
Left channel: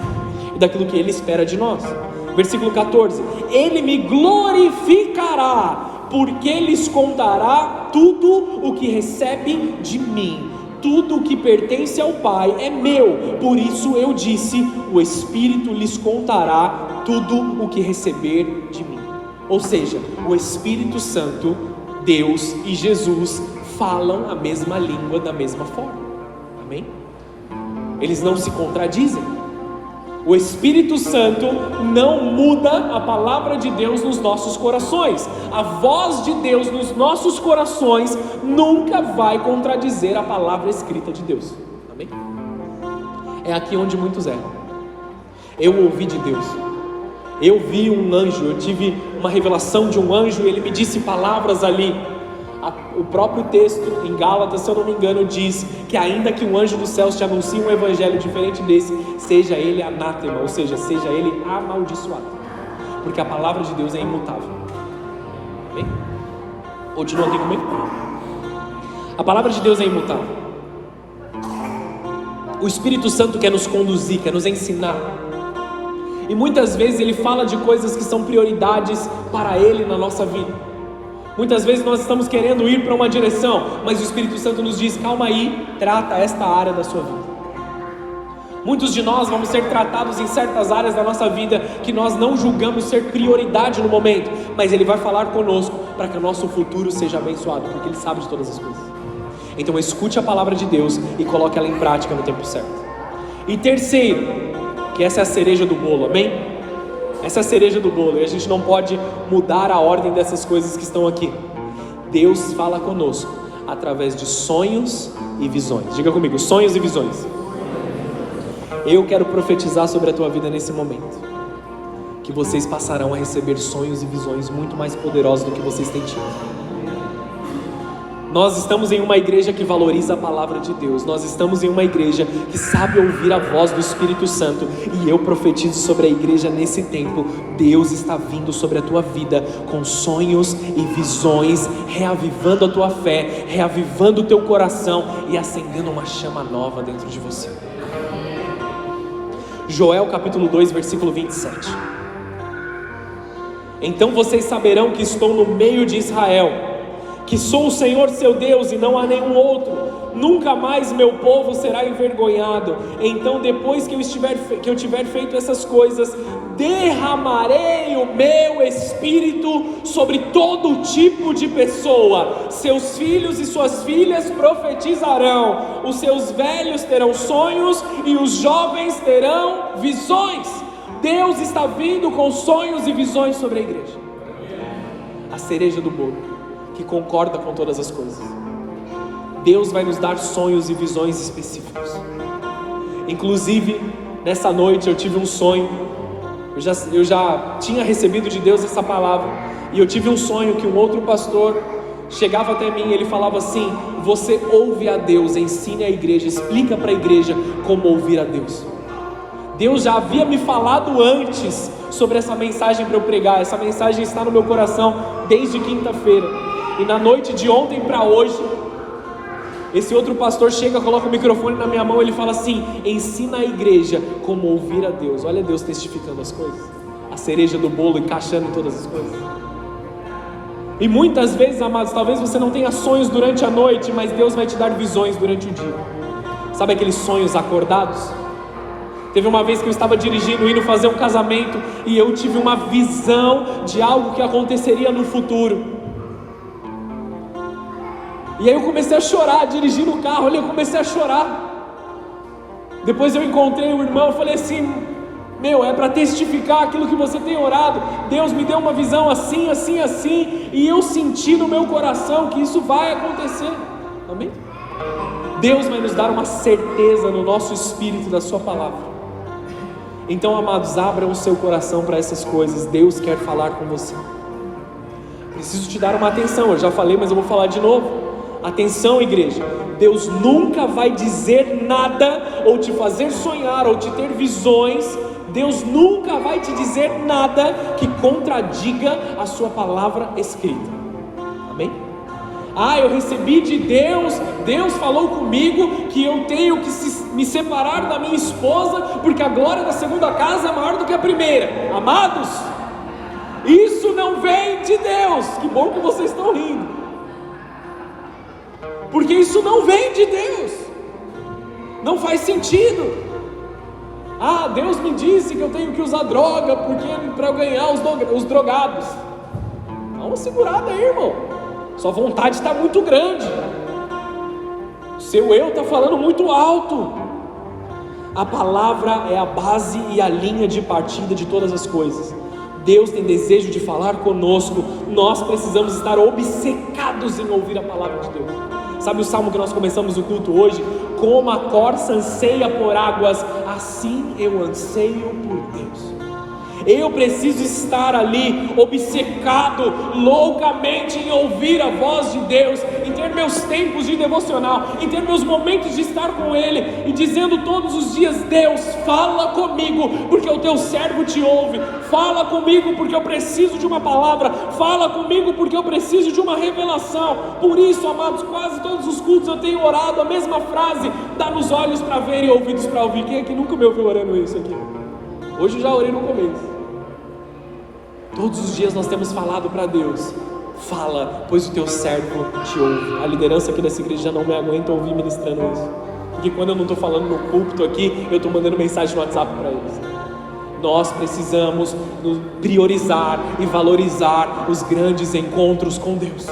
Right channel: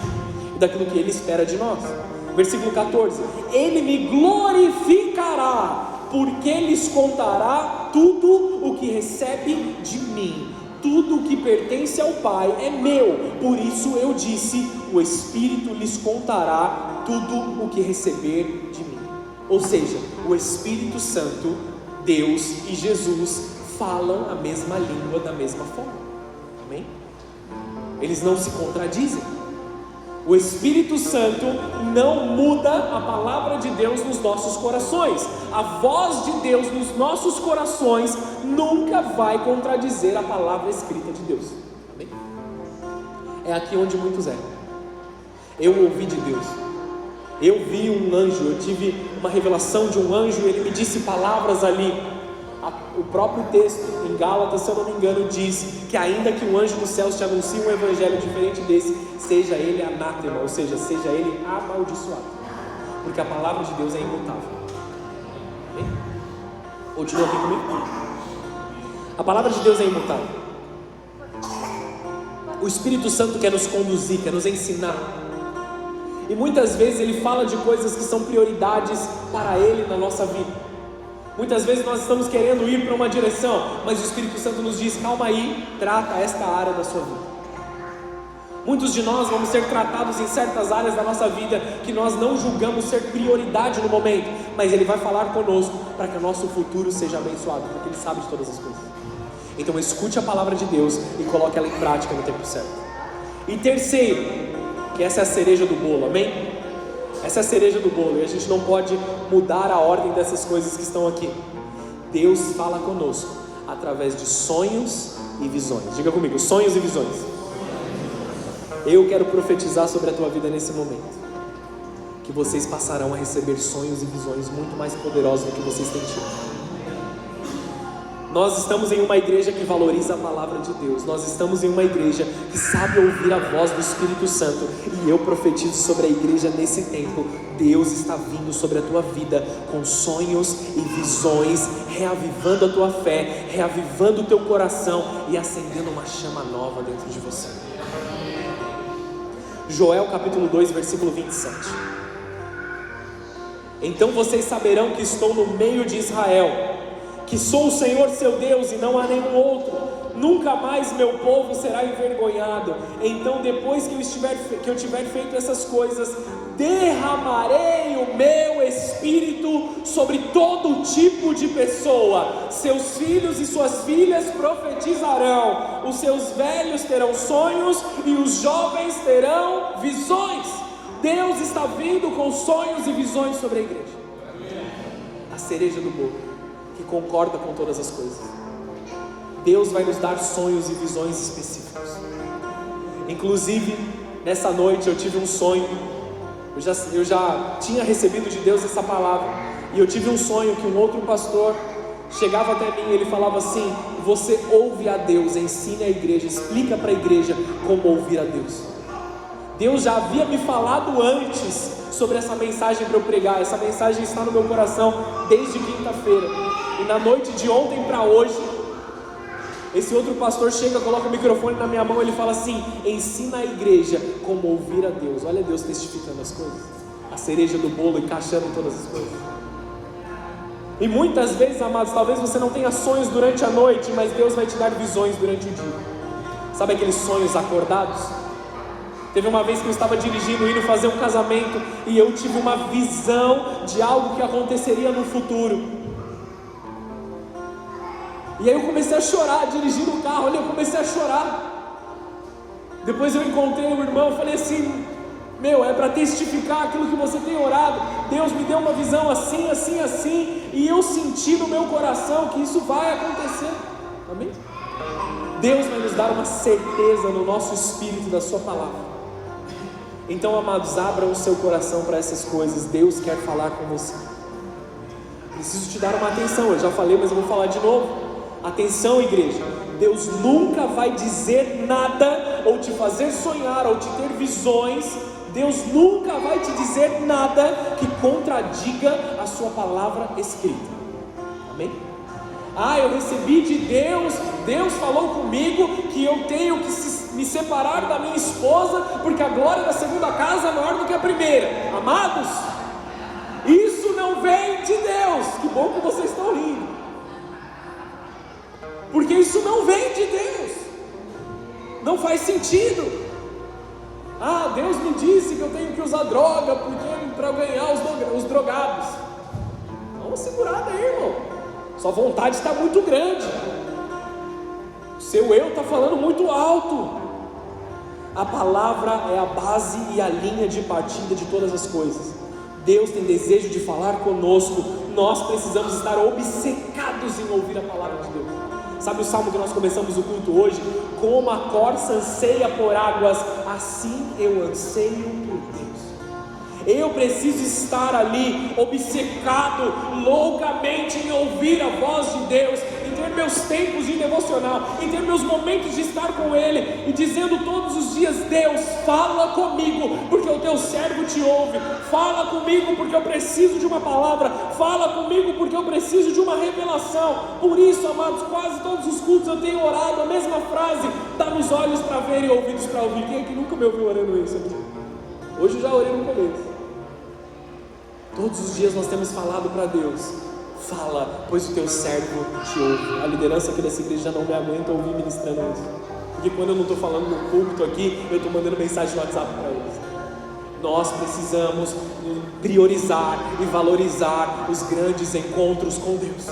e daquilo que Ele espera de nós. Versículo 14: Ele me glorificará, porque lhes contará tudo o que recebe de mim. Tudo o que pertence ao Pai é meu. Por isso eu disse: o Espírito lhes contará tudo o que receber de mim. Ou seja, o Espírito Santo, Deus e Jesus falam a mesma língua da mesma forma. Amém? Eles não se contradizem. O Espírito Santo não muda a palavra de Deus nos nossos corações. A voz de Deus nos nossos corações nunca vai contradizer a palavra escrita de Deus. Amém? É aqui onde muitos erram. Eu ouvi de Deus. Eu vi um anjo, eu tive uma revelação de um anjo, ele me disse palavras ali. O próprio texto em Gálatas, se eu não me engano, diz que ainda que um anjo dos céus te anuncie um evangelho diferente desse, seja ele anátema, ou seja, seja ele amaldiçoado, porque a palavra de Deus é imutável. Okay? Continua aqui comigo. A palavra de Deus é imutável. O Espírito Santo quer nos conduzir, quer nos ensinar, e muitas vezes Ele fala de coisas que são prioridades para Ele na nossa vida. Muitas vezes nós estamos querendo ir para uma direção, mas o Espírito Santo nos diz: calma aí, trata esta área da sua vida. Muitos de nós vamos ser tratados em certas áreas da nossa vida que nós não julgamos ser prioridade no momento, mas Ele vai falar conosco para que o nosso futuro seja abençoado, porque Ele sabe de todas as coisas. Então escute a palavra de Deus e coloque ela em prática no tempo certo. E terceiro, que essa é a cereja do bolo, amém? Essa é a cereja do bolo, e a gente não pode mudar a ordem dessas coisas que estão aqui. Deus fala conosco através de sonhos e visões. Diga comigo: sonhos e visões. Eu quero profetizar sobre a tua vida nesse momento, que vocês passarão a receber sonhos e visões muito mais poderosos do que vocês têm tido. Nós estamos em uma igreja que valoriza a palavra de Deus. Nós estamos em uma igreja que sabe ouvir a voz do Espírito Santo. E eu profetizo sobre a igreja nesse tempo. Deus está vindo sobre a tua vida com sonhos e visões, reavivando a tua fé, reavivando o teu coração e acendendo uma chama nova dentro de você. Joel capítulo 2, versículo 27. Então vocês saberão que estou no meio de Israel, que sou o Senhor seu Deus e não há nenhum outro. Nunca mais meu povo será envergonhado. Então depois que eu tiver feito essas coisas, derramarei o meu Espírito sobre todo tipo de pessoa. Seus filhos e suas filhas profetizarão, os seus velhos terão sonhos e os jovens terão visões. Deus está vindo com sonhos e visões sobre a igreja. A cereja do bolo, que concorda com todas as coisas. Deus vai nos dar sonhos e visões específicos. Inclusive, nessa noite eu tive um sonho. Eu já tinha recebido de Deus essa palavra, e eu tive um sonho que um outro pastor chegava até mim e ele falava assim: você ouve a Deus, ensine a igreja, explica para a igreja como ouvir a Deus. Deus já havia me falado antes sobre essa mensagem para eu pregar. Essa mensagem está no meu coração desde quinta-feira, e na noite de ontem para hoje, esse outro pastor chega, coloca o microfone na minha mão, ele fala assim: ensina a igreja como ouvir a Deus. Olha Deus testificando as coisas, a cereja do bolo, encaixando todas as coisas. E muitas vezes, amados, talvez você não tenha sonhos durante a noite, mas Deus vai te dar visões durante o dia. Sabe aqueles sonhos acordados? Teve uma vez que eu estava dirigindo, indo fazer um casamento, e eu tive uma visão de algo que aconteceria no futuro. E aí eu comecei a chorar, dirigindo o carro, eu comecei a chorar. Depois eu encontrei o irmão, falei assim: meu, é para testificar aquilo que você tem orado. Deus me deu uma visão assim, assim, assim, e eu senti no meu coração que isso vai acontecer. Amém? Deus vai nos dar uma certeza no nosso espírito da sua palavra. Então, amados, abra o seu coração para essas coisas. Deus quer falar com você. Preciso te dar uma atenção, eu já falei, mas eu vou falar de novo. Atenção, igreja, Deus nunca vai dizer nada, ou te fazer sonhar, ou te ter visões. Deus nunca vai te dizer nada que contradiga a sua palavra escrita. Amém? Eu recebi de Deus, Deus falou comigo que eu tenho que me separar da minha esposa, porque a glória da segunda casa é maior do que a primeira. Amados, isso não vem de Deus. Que bom que vocês estão rindo, porque isso não vem de Deus, não faz sentido. Deus me disse que eu tenho que usar droga para ganhar os drogados. Dá uma segurada aí, irmão, sua vontade está muito grande, o seu eu está falando muito alto. A palavra é a base e a linha de partida de todas as coisas. Deus tem desejo de falar conosco, nós precisamos estar obcecados em ouvir a palavra de Deus. Sabe o salmo que nós começamos o culto hoje? Como a corça anseia por águas, assim eu anseio por Deus. Eu preciso estar ali obcecado loucamente em ouvir a voz de Deus, em ter meus tempos de devocional, em ter meus momentos de estar com Ele e dizendo todos os dias: Deus, fala comigo, porque o teu servo te ouve. Fala comigo porque eu preciso de uma palavra. Fala comigo porque eu preciso de uma revelação. Por isso, amados, quase todos os cultos eu tenho orado a mesma frase: dá-nos olhos para ver e ouvidos para ouvir. Quem é que nunca me ouviu orando isso aqui? Hoje eu já orei no começo. Todos os dias nós temos falado para Deus: fala, pois o teu servo te ouve. A liderança aqui dessa igreja já não me aguenta ouvir ministrando isso, porque quando eu não estou falando no púlpito aqui, eu estou mandando mensagem no WhatsApp para eles. Nós precisamos priorizar e valorizar os grandes encontros com Deus.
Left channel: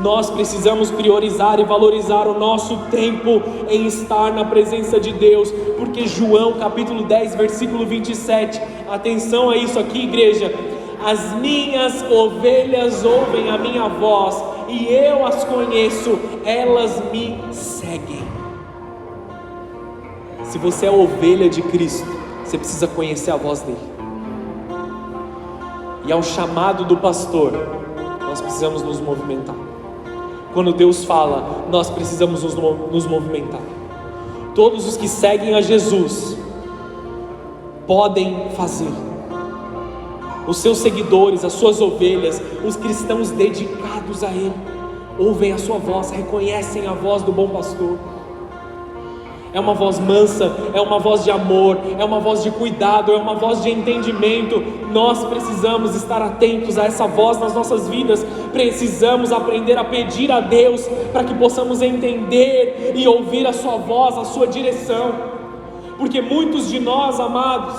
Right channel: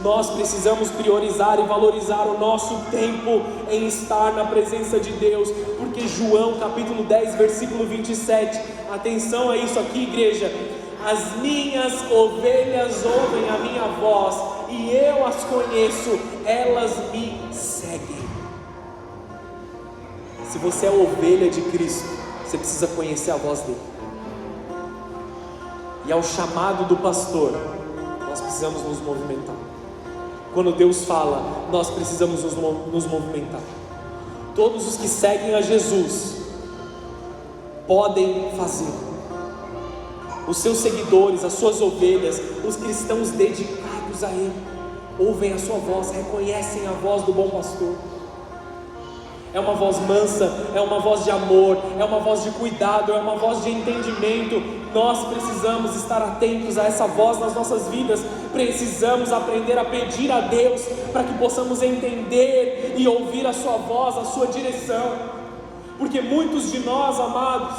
Nós precisamos priorizar e valorizar o nosso tempo em estar na presença de Deus, porque João capítulo 10, versículo 27, atenção a isso aqui, igreja: as minhas ovelhas ouvem a minha voz, e eu as conheço, elas me seguem. Se você é ovelha de Cristo, você precisa conhecer a voz dele, e ao chamado do pastor, nós precisamos nos movimentar. Quando Deus fala, nós precisamos nos movimentar. Todos os que seguem a Jesus podem fazer. Os seus seguidores, as suas ovelhas, os cristãos dedicados a Ele, ouvem a sua voz, reconhecem a voz do bom pastor. É uma voz mansa, é uma voz de amor, é uma voz de cuidado, é uma voz de entendimento. Nós precisamos estar atentos a essa voz nas nossas vidas. Precisamos aprender a pedir a Deus para que possamos entender e ouvir a sua voz, a sua direção. Porque muitos de nós, amados,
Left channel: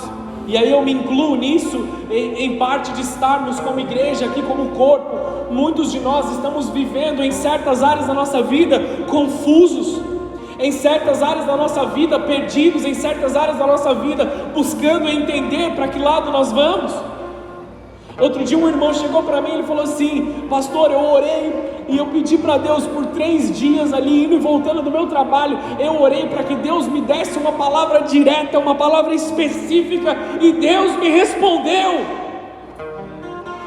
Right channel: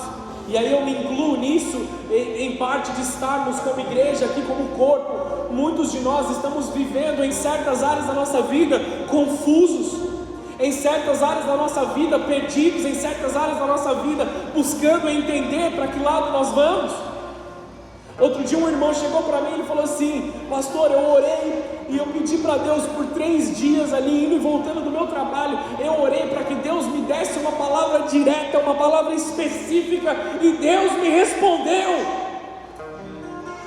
e aí eu me incluo nisso, em parte de estarmos como igreja aqui, como corpo, muitos de nós estamos vivendo em certas áreas da nossa vida confusos, em certas áreas da nossa vida perdidos, em certas áreas da nossa vida buscando entender para que lado nós vamos. Outro dia um irmão chegou para mim e falou assim: pastor, eu orei e eu pedi para Deus por 3 dias ali, indo e voltando do meu trabalho, eu orei para que Deus me desse uma palavra direta, uma palavra específica, e Deus me respondeu.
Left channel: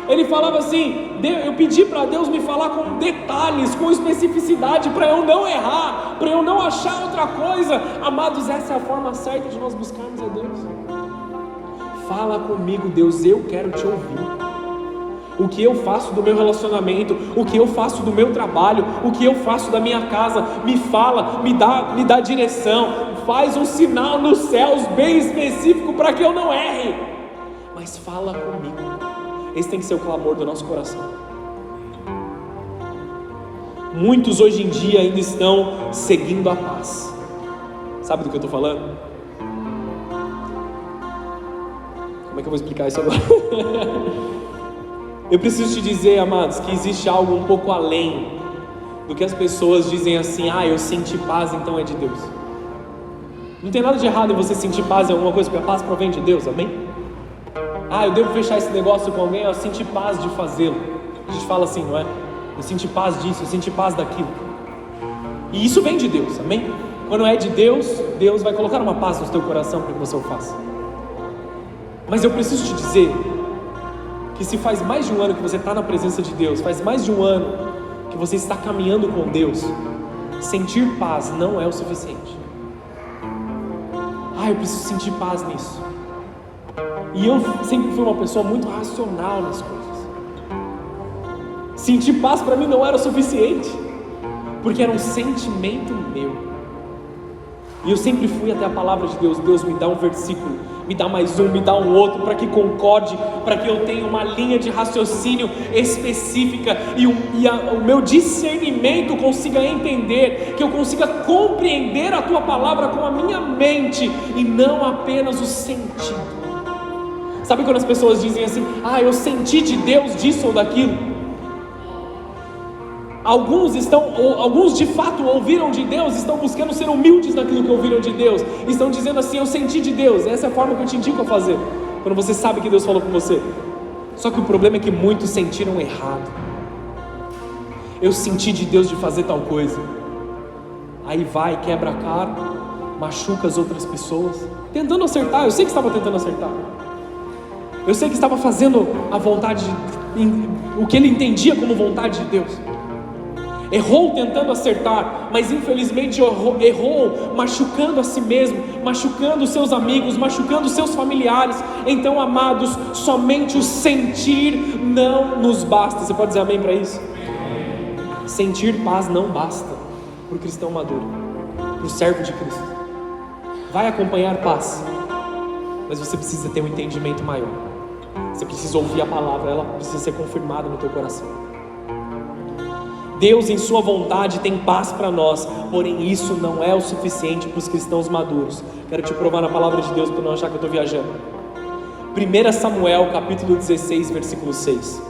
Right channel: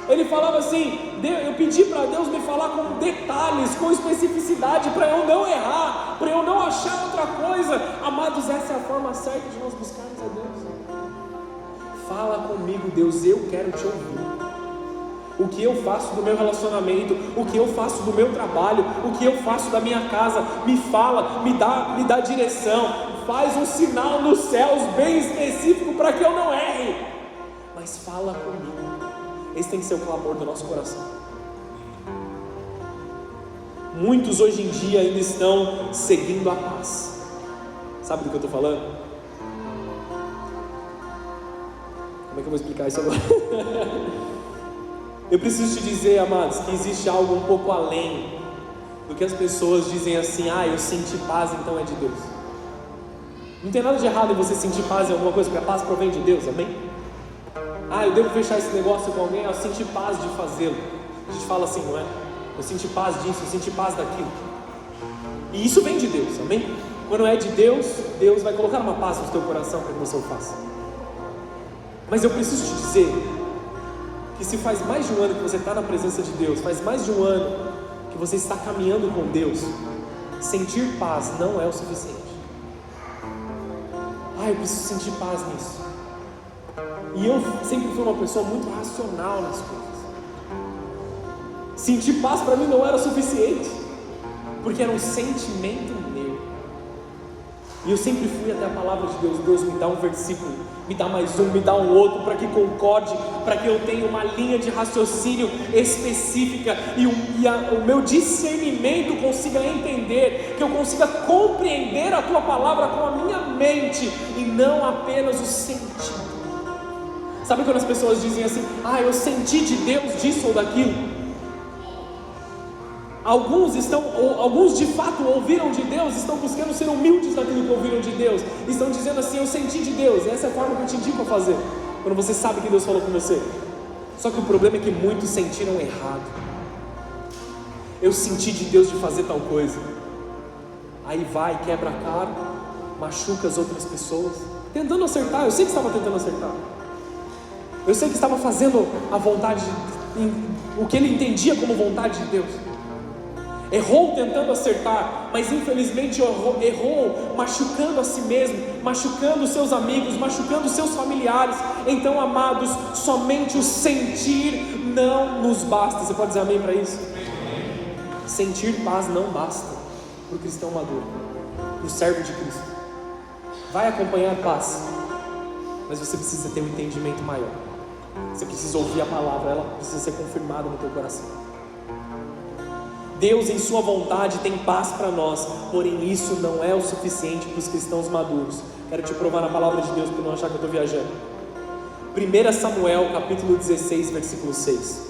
Ele falava assim: eu pedi para Deus me falar detalhes, com especificidade, para eu não errar, para eu não achar outra coisa. Amados, essa é a forma certa de nós buscarmos a Deus. Fala comigo, Deus, eu quero te ouvir. O que eu faço do meu relacionamento, o que eu faço do meu trabalho, o que eu faço da minha casa, me fala, me dá direção, faz um sinal nos céus bem específico para que eu não erre. Mas fala comigo. Esse tem que ser o clamor do nosso coração. Muitos hoje em dia ainda estão seguindo a paz. Sabe do que eu estou falando? Como é que eu vou explicar isso agora? Eu preciso te dizer, amados, que existe algo um pouco além do que as pessoas dizem assim: ah, eu senti paz, então é de Deus. Não tem nada de errado em você sentir paz em alguma coisa, porque a paz provém de Deus, amém? Ah, eu devo fechar esse negócio com alguém, eu senti paz de fazê-lo. A gente fala assim, não é? Eu senti paz disso, eu senti paz daquilo. E isso vem de Deus, amém? Quando é de Deus, Deus vai colocar uma paz no teu coração para que você o faça. Mas eu preciso te dizer que se faz mais de um ano que você está na presença de Deus, faz mais de um ano que você está caminhando com Deus, sentir paz não é o suficiente. Ah, eu preciso sentir paz nisso. E eu sempre fui uma pessoa muito racional nas coisas. Sentir paz para mim não era o suficiente, porque era um sentimento meu. E eu sempre fui até a palavra de Deus: Deus, me dá um versículo, me dá mais um, me dá um outro, para que concorde, para que eu tenha uma linha de raciocínio específica e o meu discernimento consiga entender, que eu consiga compreender a tua palavra com a minha mente e não apenas o sentido. Sabe quando as pessoas dizem assim: ah, eu senti de Deus disso ou daquilo? Alguns de fato ouviram de Deus, estão buscando ser humildes naquilo que ouviram de Deus, estão dizendo assim: eu senti de Deus. Essa é a forma que eu te indico a fazer, quando você sabe que Deus falou com você. Só que o problema é que muitos sentiram errado. Eu senti de Deus de fazer tal coisa, aí vai, quebra a cara, machuca as outras pessoas, tentando acertar. Eu sei que estava tentando acertar, eu sei que estava fazendo a vontade, o que ele entendia como vontade de Deus. Errou tentando acertar, mas infelizmente errou machucando a si mesmo, machucando seus amigos, machucando seus familiares. Então, amados, somente o sentir não nos basta. Você pode dizer amém para isso? Sentir paz não basta para o cristão maduro, para o servo de Cristo. Vai acompanhar paz, mas você precisa ter um entendimento maior. Você precisa ouvir a palavra, ela precisa ser confirmada no teu coração. Deus, em sua vontade, tem paz para nós, porém isso não é o suficiente para os cristãos maduros. Quero te provar na palavra de Deus para não achar que eu estou viajando. 1 Samuel capítulo 16, versículo 6.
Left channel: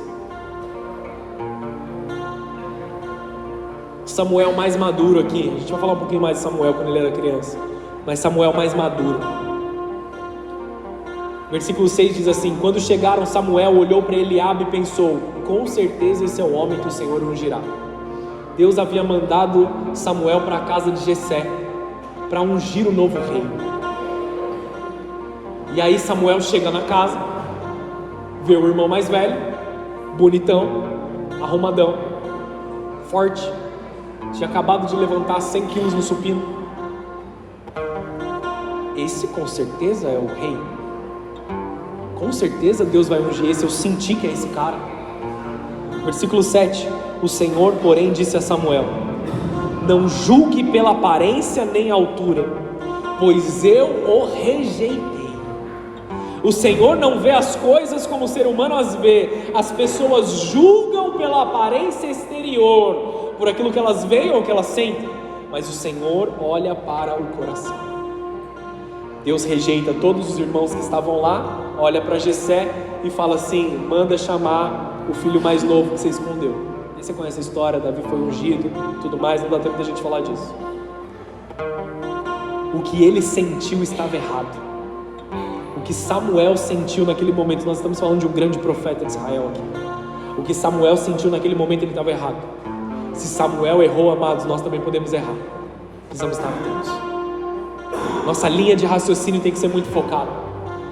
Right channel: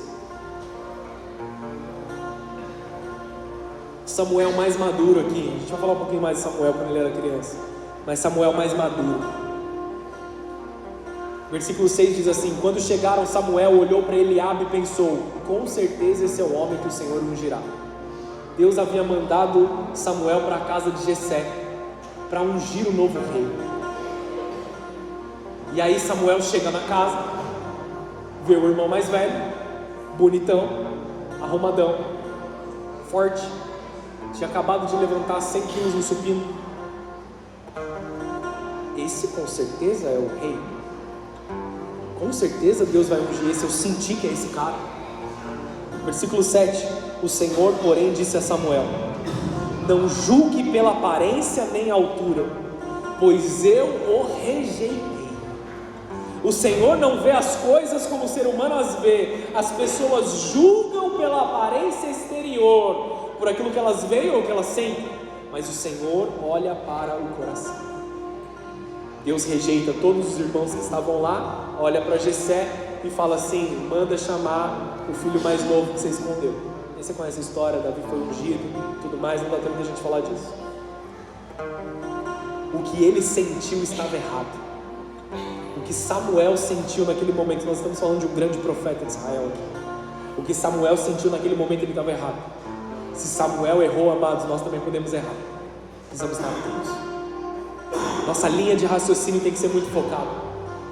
Samuel mais maduro aqui. A gente vai falar um pouquinho mais de Samuel quando ele era criança, mas Samuel mais maduro. Versículo 6 diz assim: quando chegaram, Samuel olhou para Eliabe e pensou: com certeza esse é o homem que o Senhor ungirá. Deus havia mandado Samuel para a casa de Jessé para ungir o novo rei. E aí Samuel chega na casa, vê o irmão mais velho, bonitão, arrumadão, forte, tinha acabado de levantar 100 quilos no supino. Esse com certeza é o rei. Com certeza Deus vai ungir esse, eu senti que é esse cara. Versículo 7, o Senhor, porém, disse a Samuel: não julgue pela aparência nem altura, pois eu o rejeitei. O Senhor não vê as coisas como o ser humano as vê. As pessoas julgam pela aparência exterior, por aquilo que elas veem ou que elas sentem, mas o Senhor olha para o coração. Deus rejeita todos os irmãos que estavam lá, olha para Jessé e fala assim: manda chamar o filho mais novo que você escondeu. E você conhece a história, Davi foi ungido, tudo mais, não dá tempo da gente falar disso. O que ele sentiu estava errado. O que Samuel sentiu naquele momento, nós estamos falando de um grande profeta de Israel aqui. O que Samuel sentiu naquele momento, ele estava errado. Se Samuel errou, amados, nós também podemos errar. Precisamos estar atentos. Nossa linha de raciocínio tem que ser muito focada.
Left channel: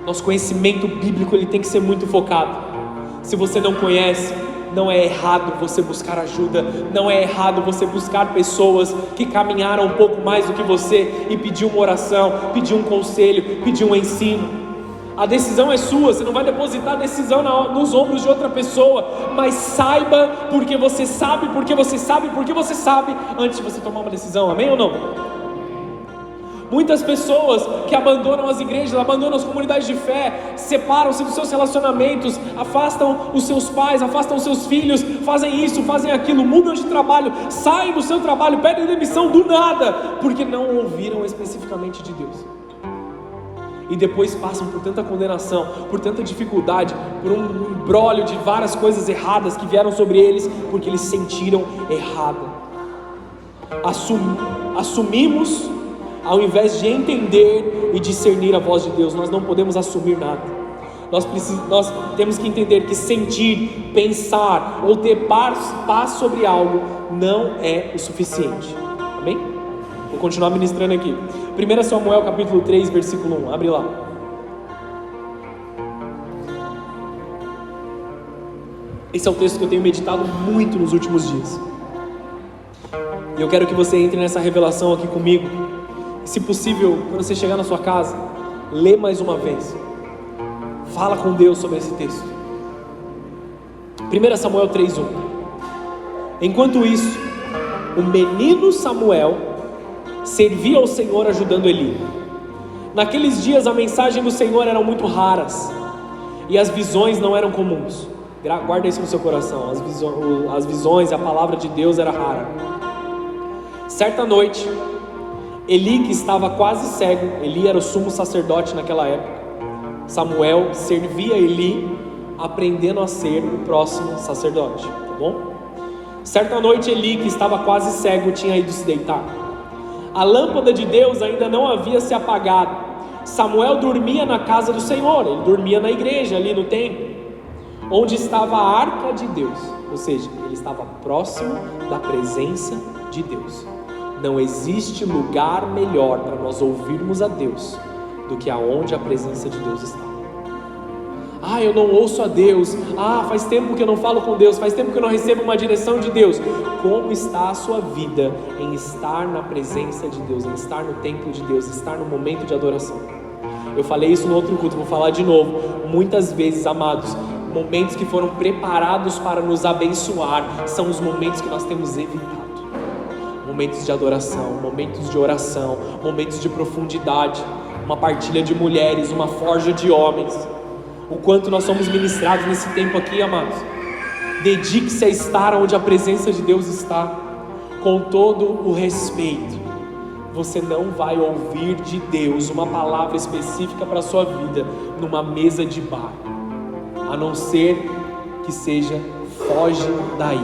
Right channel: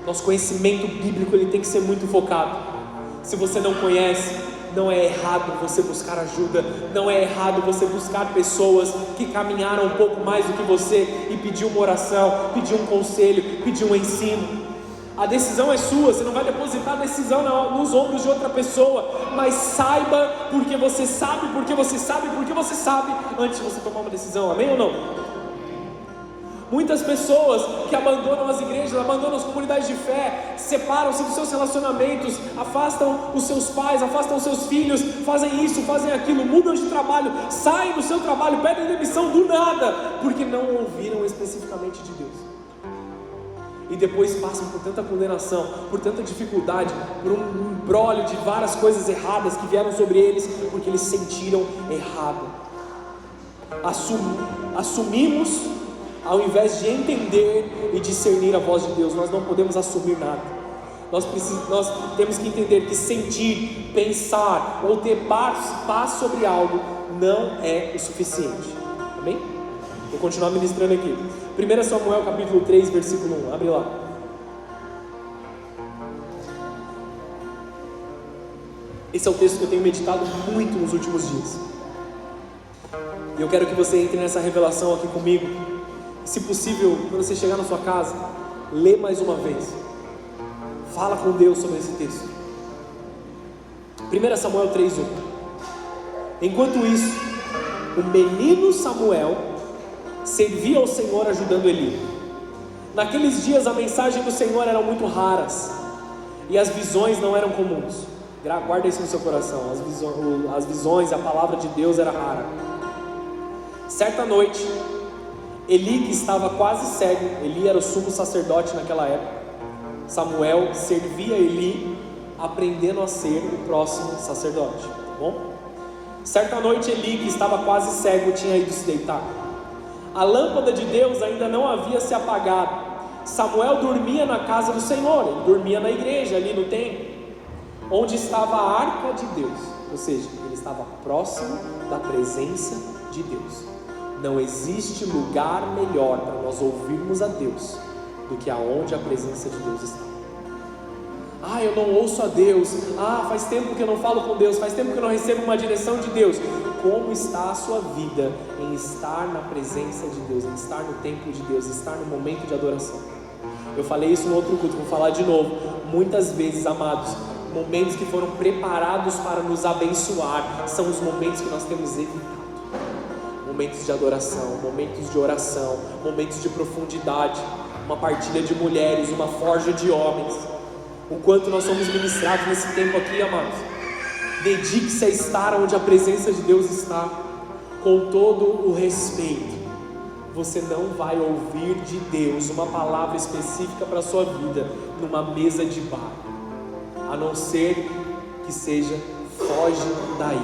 Nosso conhecimento bíblico ele tem que ser muito focado. Se você não conhece, Não é errado você buscar ajuda, não é errado você buscar pessoas que caminharam um pouco mais do que você e pedir uma oração, pedir um conselho, pedir um ensino. A decisão é sua, você não vai depositar a decisão nos ombros de outra pessoa, mas saiba porque você sabe, porque você sabe, porque você sabe, antes de você tomar uma decisão, amém ou não? Muitas pessoas que abandonam as igrejas, abandonam as comunidades de fé, separam-se dos seus relacionamentos, afastam os seus pais, afastam os seus filhos, fazem isso, fazem aquilo, mudam de trabalho, saem do seu trabalho, pedem demissão do nada, porque não ouviram especificamente de Deus. E depois passam por tanta condenação, por tanta dificuldade, por um imbróglio de várias coisas erradas que vieram sobre eles, porque eles sentiram errado. Assumimos, ao invés de entender e discernir a voz de Deus. Nós não podemos assumir nada. Nós temos que entender que sentir, pensar ou ter paz sobre algo não é o suficiente. Amém? Vou continuar ministrando aqui. 1 Samuel capítulo 3, versículo 1. Abre lá. Esse é o texto que eu tenho meditado muito nos últimos dias. E eu quero que você entre nessa revelação aqui comigo. Se possível, quando você chegar na sua casa, lê mais uma vez. Fala com Deus sobre esse texto. 1 Samuel 3:1. Enquanto isso, o menino Samuel servia ao Senhor ajudando Eli. Naqueles dias a mensagem do Senhor eram muito raras e as visões não eram comuns. Guarda isso no seu coração. As visões, a palavra de Deus era rara. Certa noite, Eli, que estava quase cego, Eli era o sumo sacerdote naquela época. Samuel servia Eli, aprendendo a ser o próximo sacerdote, tá bom? Certa noite, Eli, que estava quase cego, tinha ido se deitar. A lâmpada de Deus ainda não havia se apagado. Samuel dormia na casa do Senhor, ele dormia na igreja, ali no templo, onde estava a arca de Deus, ou seja, ele estava próximo da presença de Deus. Não existe lugar melhor para nós ouvirmos a Deus do que aonde a presença de Deus está. Eu não ouço a Deus. Faz tempo que eu não falo com Deus. Faz tempo que eu não recebo uma direção de Deus. Como está a sua vida em estar na presença de Deus, em estar no templo de Deus, estar no momento de adoração? Eu falei isso no outro culto, vou falar de novo. Muitas vezes, amados, momentos que foram preparados para nos abençoar são os momentos que nós temos evitado. Momentos de adoração, momentos de oração, momentos de profundidade, uma partilha de mulheres, uma forja de homens. O quanto nós somos ministrados nesse tempo aqui, amados. Dedique-se a estar onde a presença de Deus está, com todo o respeito. Você não vai ouvir de Deus uma palavra específica para a sua vida numa mesa de bar, a não ser que seja foge daí.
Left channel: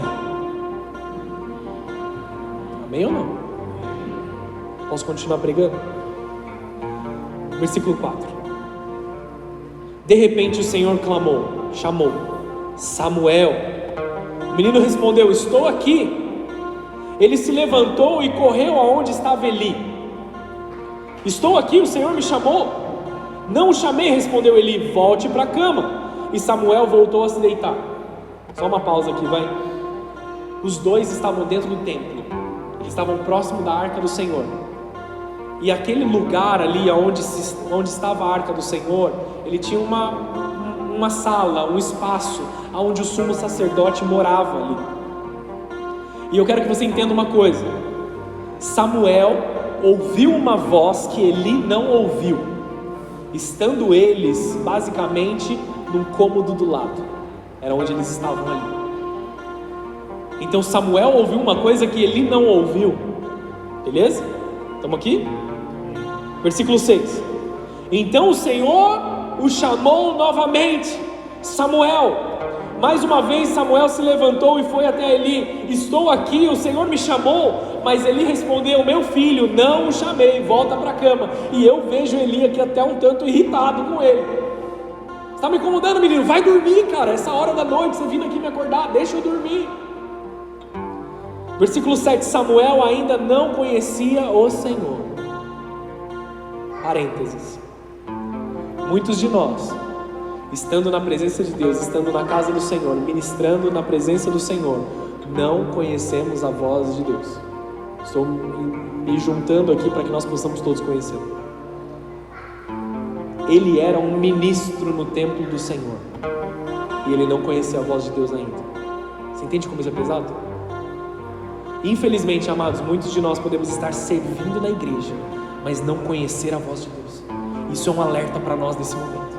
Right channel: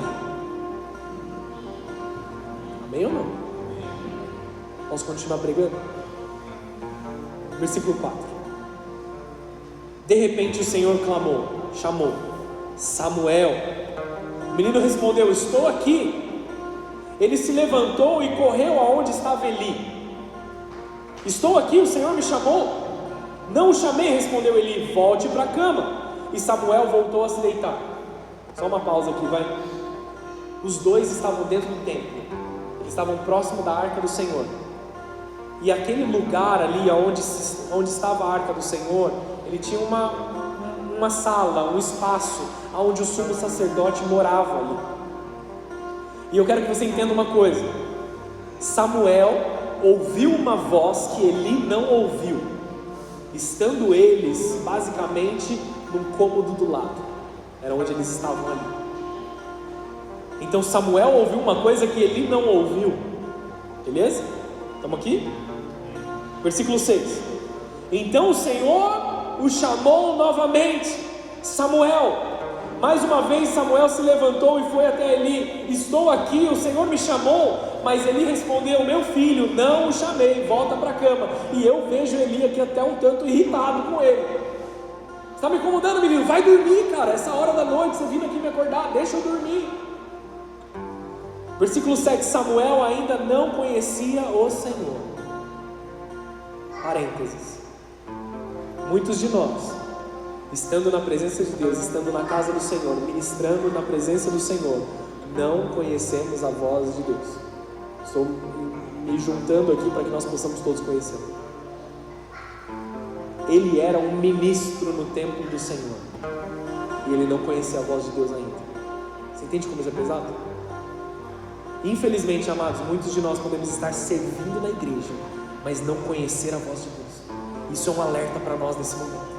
Amém ou não? Posso continuar pregando? Versículo 4. De repente o Senhor chamou: Samuel. O menino respondeu: estou aqui. Ele se levantou e correu aonde estava Eli. Estou aqui, o Senhor me chamou. Não o chamei, respondeu Eli, volte para a cama. E Samuel voltou a se deitar. Só uma pausa aqui, vai. Os dois estavam dentro do templo. Eles estavam próximo da arca do Senhor. E aquele lugar ali onde estava a arca do Senhor, ele tinha uma sala, um espaço onde o sumo sacerdote morava ali. E eu quero que você entenda uma coisa. Samuel ouviu uma voz que Eli não ouviu, estando eles basicamente num cômodo do lado. Era onde eles estavam ali. Então Samuel ouviu uma coisa que Eli não ouviu. Beleza? Estamos aqui? Versículo 6. Então o Senhor o chamou novamente: Samuel. Mais uma vez Samuel se levantou e foi até Eli. Estou aqui, o Senhor me chamou. Mas Eli respondeu: meu filho, não o chamei, volta para a cama. E eu vejo Eli aqui até um tanto irritado com ele. Está me incomodando, menino? Vai dormir, cara. Essa hora da noite, você vindo aqui me acordar, deixa eu dormir. Versículo 7. Samuel ainda não conhecia o Senhor. Parênteses. Muitos de nós estando na presença de Deus, estando na casa do Senhor, ministrando na presença do Senhor, não conhecemos a voz de Deus. Estou me juntando aqui para que nós possamos todos conhecer. Ele era um ministro no templo do Senhor e ele não conhecia a voz de Deus ainda. Você entende como isso é pesado? Infelizmente, amados, muitos de nós podemos estar servindo na igreja, mas não conhecer a voz de Deus. Isso é um alerta para nós nesse momento,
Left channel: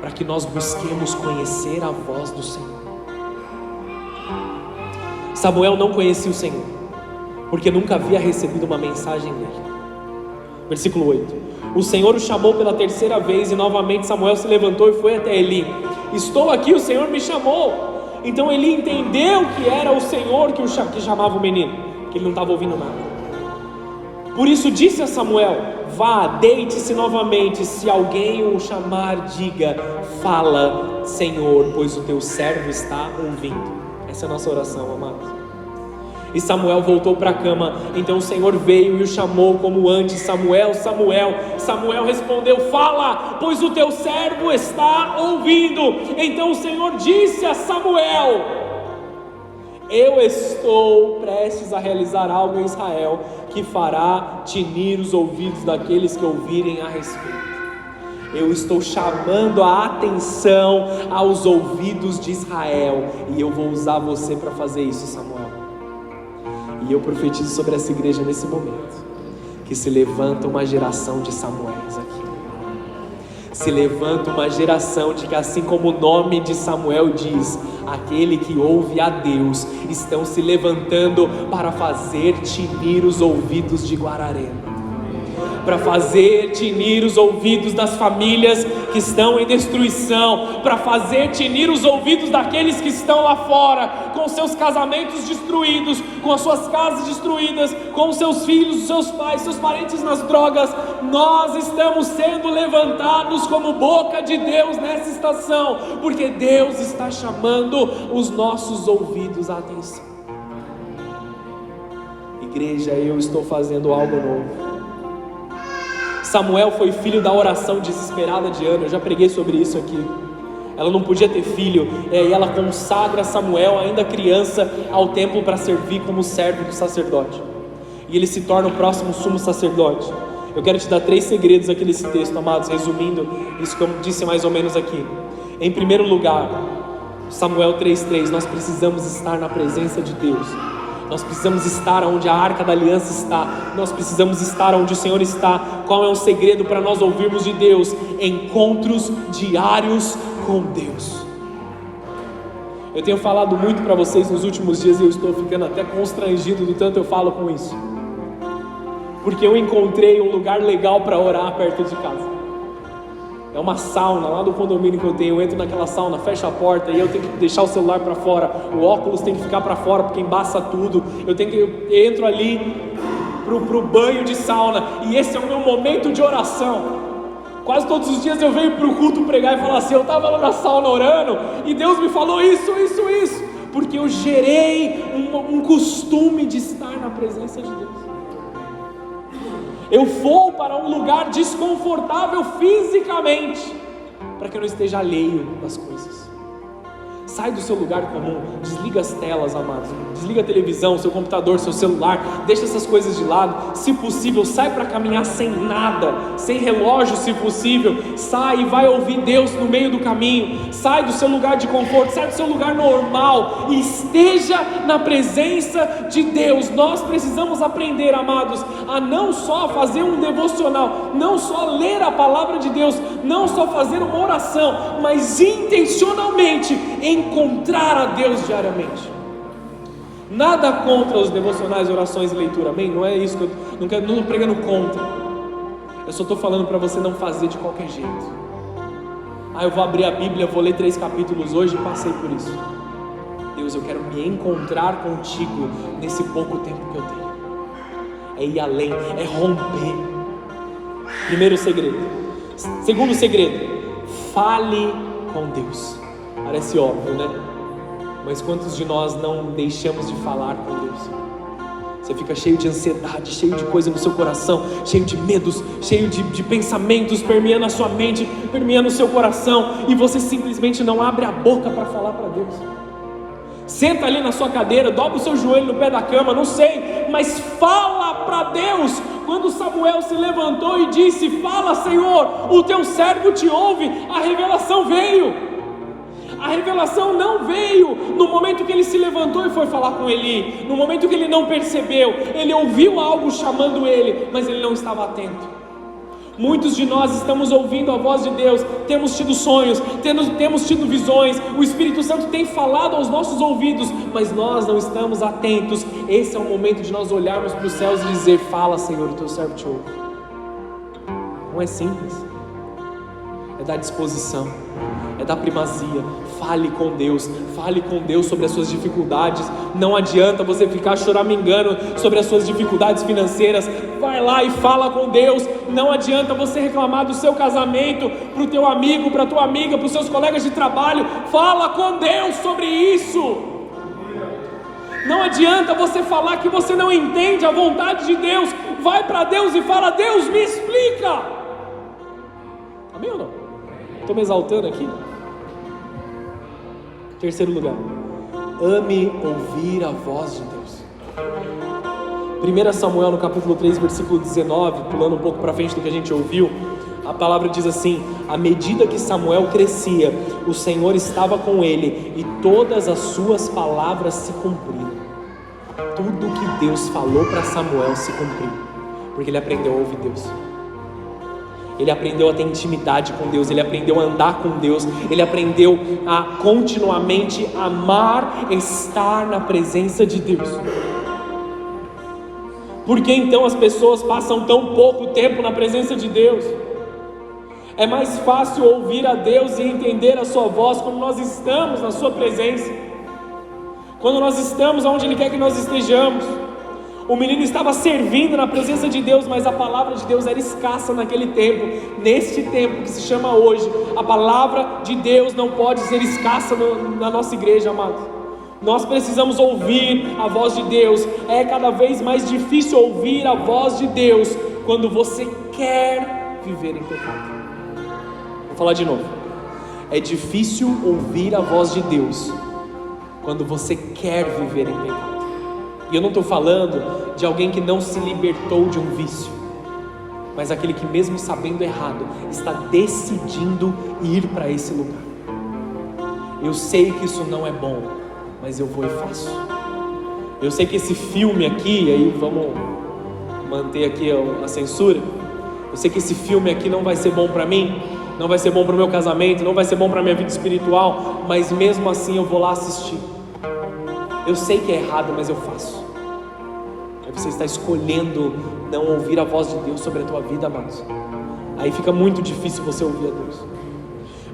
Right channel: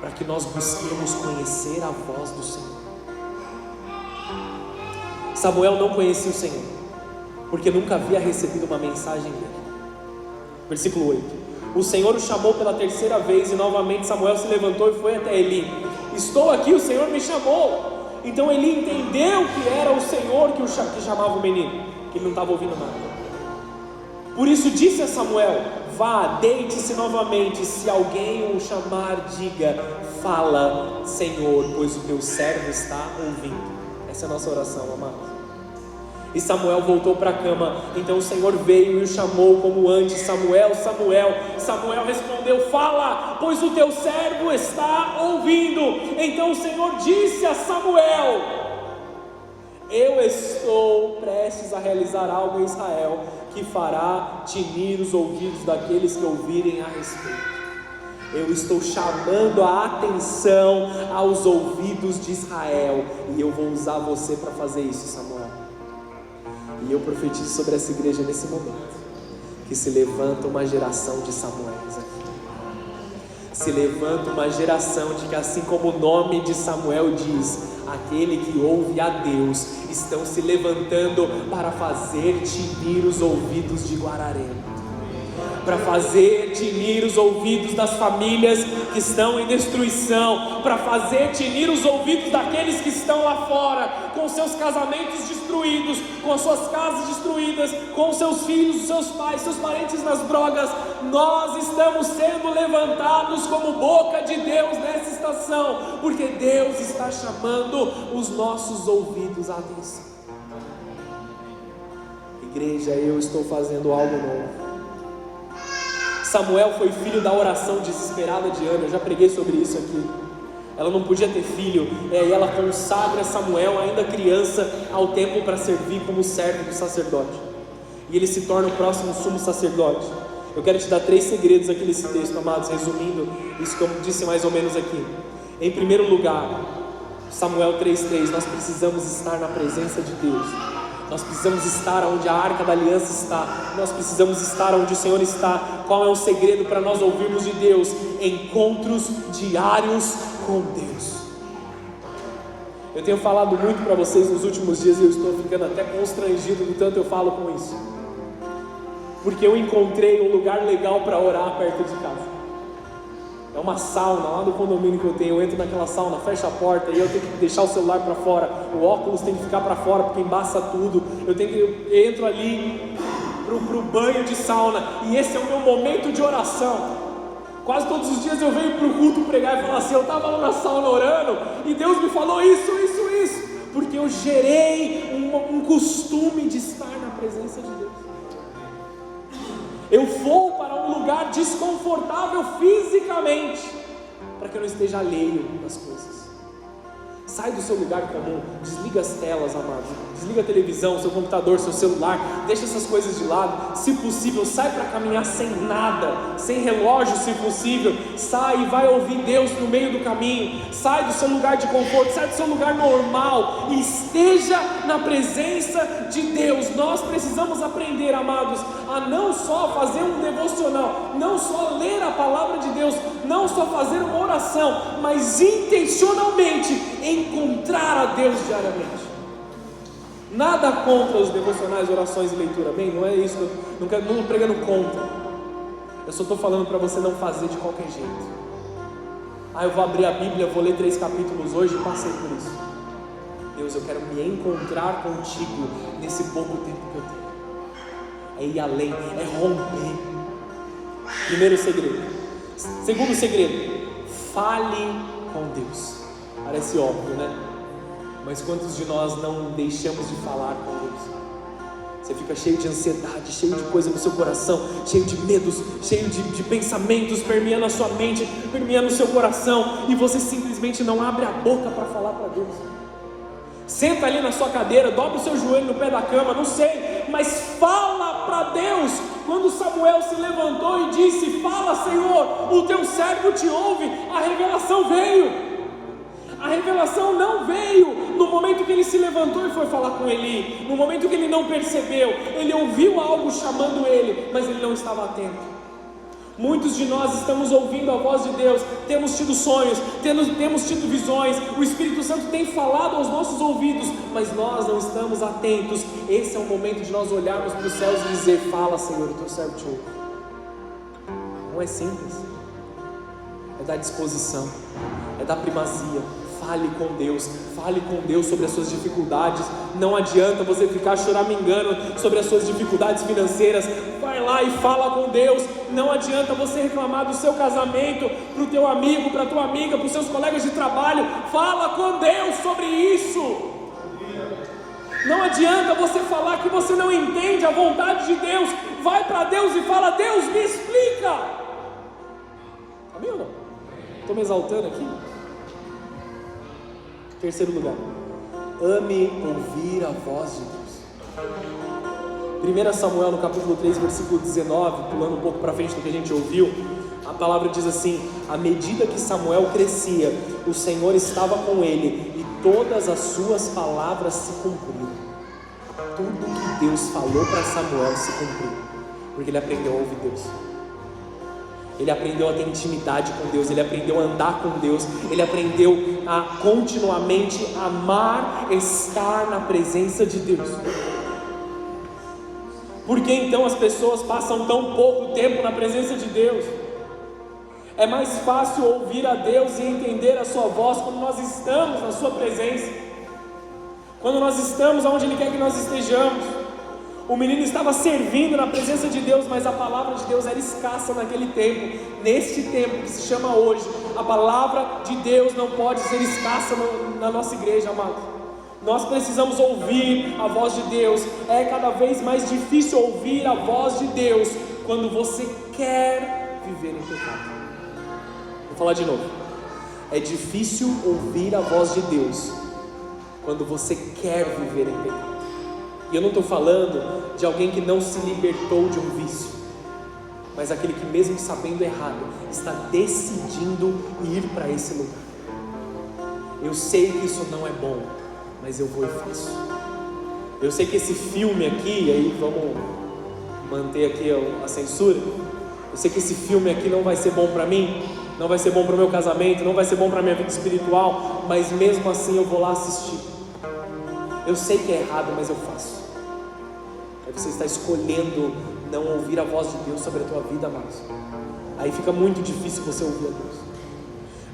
para que nós busquemos conhecer a voz do Senhor. Samuel não conhecia o Senhor, porque nunca havia recebido uma mensagem dele. Versículo 8: o Senhor o chamou pela terceira vez, e novamente Samuel se levantou e foi até Eli. Estou aqui, o Senhor me chamou. Então Eli entendeu que era o Senhor que chamava o menino, que ele não estava ouvindo nada. Por isso disse a Samuel: vá, deite-se novamente, se alguém o chamar, diga: fala, Senhor, pois o teu servo está ouvindo. Essa é a nossa oração, amados. E Samuel voltou para a cama. Então o Senhor veio e o chamou como antes: Samuel, Samuel. Samuel respondeu: fala, pois o teu servo está ouvindo. Então o Senhor disse a Samuel: eu estou prestes a realizar algo em Israel que fará tinir os ouvidos daqueles que ouvirem a respeito. Eu estou chamando a atenção aos ouvidos de Israel, e eu vou usar você para fazer isso, Samuel. E eu profetizo sobre essa igreja nesse momento, que se levanta uma geração de Samuéis aqui. Se levanta uma geração de que, assim como o nome de Samuel diz, aquele que ouve a Deus, estão se levantando para fazer tinir os ouvidos de Guararema, para fazer tinir os ouvidos das famílias que estão em destruição, para fazer tinir os ouvidos daqueles que estão lá fora, com seus casamentos destruídos, com as suas casas destruídas, com seus filhos, seus pais, seus parentes nas drogas. Nós estamos sendo levantados como boca de Deus nessa estação, porque Deus está chamando os nossos ouvidos à atenção. Igreja, eu estou fazendo algo novo. Samuel foi filho da oração desesperada de Ana. Eu já preguei sobre isso aqui. Ela não podia ter filho, e ela consagra Samuel, ainda criança, ao templo para servir como servo do sacerdote. E ele se torna o próximo sumo sacerdote. Eu quero te dar 3 segredos aqui nesse texto, amados, resumindo isso que eu disse mais ou menos aqui. Em primeiro lugar, Samuel 3:3, nós precisamos estar na presença de Deus. Nós precisamos estar onde a Arca da Aliança está. Nós precisamos estar onde o Senhor está. Qual é o segredo para nós ouvirmos de Deus? Encontros diários com Deus. Eu tenho falado muito para vocês nos últimos dias e eu estou ficando até constrangido do tanto eu falo com isso. Porque eu encontrei um lugar legal para orar perto de casa. É uma sauna lá do condomínio que eu tenho. Eu entro naquela sauna, fecho a porta e eu tenho que deixar o celular para fora. O óculos tem que ficar para fora porque embaça tudo. Eu entro ali pro banho de sauna e esse é o meu momento de oração. Quase todos os dias eu venho pro culto pregar e falar assim: eu estava lá na sauna orando e Deus me falou isso, porque eu gerei um costume de estar na presença de Deus. Eu vou para um lugar desconfortável fisicamente, para que eu não esteja alheio das coisas. Sai do seu lugar comum, desliga as telas, amados. Desliga a televisão, seu computador, seu celular, deixa essas coisas de lado. Se possível, sai para caminhar sem nada, sem relógio se possível. Sai e vai ouvir Deus no meio do caminho. Sai do seu lugar de conforto, sai do seu lugar normal e esteja na presença de Deus. Nós precisamos aprender, amados, a não só fazer um devocional, não só ler a palavra de Deus, não só fazer uma oração, mas intencionalmente encontrar a Deus diariamente. Nada contra os devocionais, orações e leitura, amém? Não é isso, não estou pregando contra. Eu só estou falando para você não fazer de qualquer jeito. Eu vou abrir a Bíblia, vou ler 3 capítulos hoje, eu passei por isso. Deus, eu quero me encontrar contigo nesse pouco tempo que eu tenho. É ir além, é romper. Primeiro segredo. Segundo segredo, fale com Deus. Parece óbvio, né? Mas quantos de nós não deixamos de falar com Deus? Você fica cheio de ansiedade, cheio de coisa no seu coração, cheio de medos, cheio de pensamentos permeando a sua mente, permeando o seu coração, e você simplesmente não abre a boca para falar com Deus. Senta ali na sua cadeira, dobra o seu joelho no pé da cama, não sei, mas fala para Deus. Quando Samuel se levantou e disse: fala, Senhor, o teu servo te ouve, a revelação veio. A revelação não veio no momento que ele se levantou e foi falar com Eli, no momento que ele não percebeu, ele ouviu algo chamando ele, mas ele não estava atento. Muitos de nós estamos ouvindo a voz de Deus, temos tido sonhos, temos tido visões, o Espírito Santo tem falado aos nossos ouvidos, mas nós não estamos atentos. Esse é o momento de nós olharmos para os céus e dizer: fala, Senhor, o teu servo te ouve. Não é simples, é dar disposição, é dar primazia. Fale com Deus sobre as suas dificuldades. Não adianta você ficar choramingando sobre as suas dificuldades financeiras. Vai lá e fala com Deus. Não adianta você reclamar do seu casamento para o teu amigo, para a tua amiga, para os seus colegas de trabalho. Fala com Deus sobre isso. Não adianta você falar que você não entende a vontade de Deus. Vai para Deus e fala: Deus, me explica. Amém ou não? Estou me exaltando aqui? Terceiro lugar, ame ouvir a voz de Deus. 1 Samuel no capítulo 3, versículo 19, pulando um pouco para frente do que a gente ouviu, a palavra diz assim: à medida que Samuel crescia, o Senhor estava com ele e todas as suas palavras se cumpriram. Tudo que Deus falou para Samuel se cumpriu, porque ele aprendeu a ouvir Deus. Ele aprendeu a ter intimidade com Deus, ele aprendeu a andar com Deus, ele aprendeu a continuamente amar, estar na presença de Deus. Por que então as pessoas passam tão pouco tempo na presença de Deus? É mais fácil ouvir a Deus e entender a sua voz quando nós estamos na sua presença, quando nós estamos onde Ele quer que nós estejamos. O menino estava servindo na presença de Deus, mas a palavra de Deus era escassa naquele tempo. Neste tempo que se chama hoje, a palavra de Deus não pode ser escassa na nossa igreja, amados. Nós precisamos ouvir a voz de Deus. É cada vez mais difícil ouvir a voz de Deus quando você quer viver em pecado. Vou falar de novo. É difícil ouvir a voz de Deus quando você quer viver em pecado. E eu não estou falando de alguém que não se libertou de um vício, mas aquele que, mesmo sabendo errado, está decidindo ir para esse lugar. Eu sei que isso não é bom, mas eu vou e faço. Eu sei que esse filme aqui, aí vamos manter aqui a censura, eu sei que esse filme aqui não vai ser bom para mim, não vai ser bom para o meu casamento, não vai ser bom para a minha vida espiritual, mas mesmo assim eu vou lá assistir. Eu sei que é errado, mas eu faço. Você está escolhendo não ouvir a voz de Deus sobre a tua vida, amados. Aí fica muito difícil você ouvir a Deus.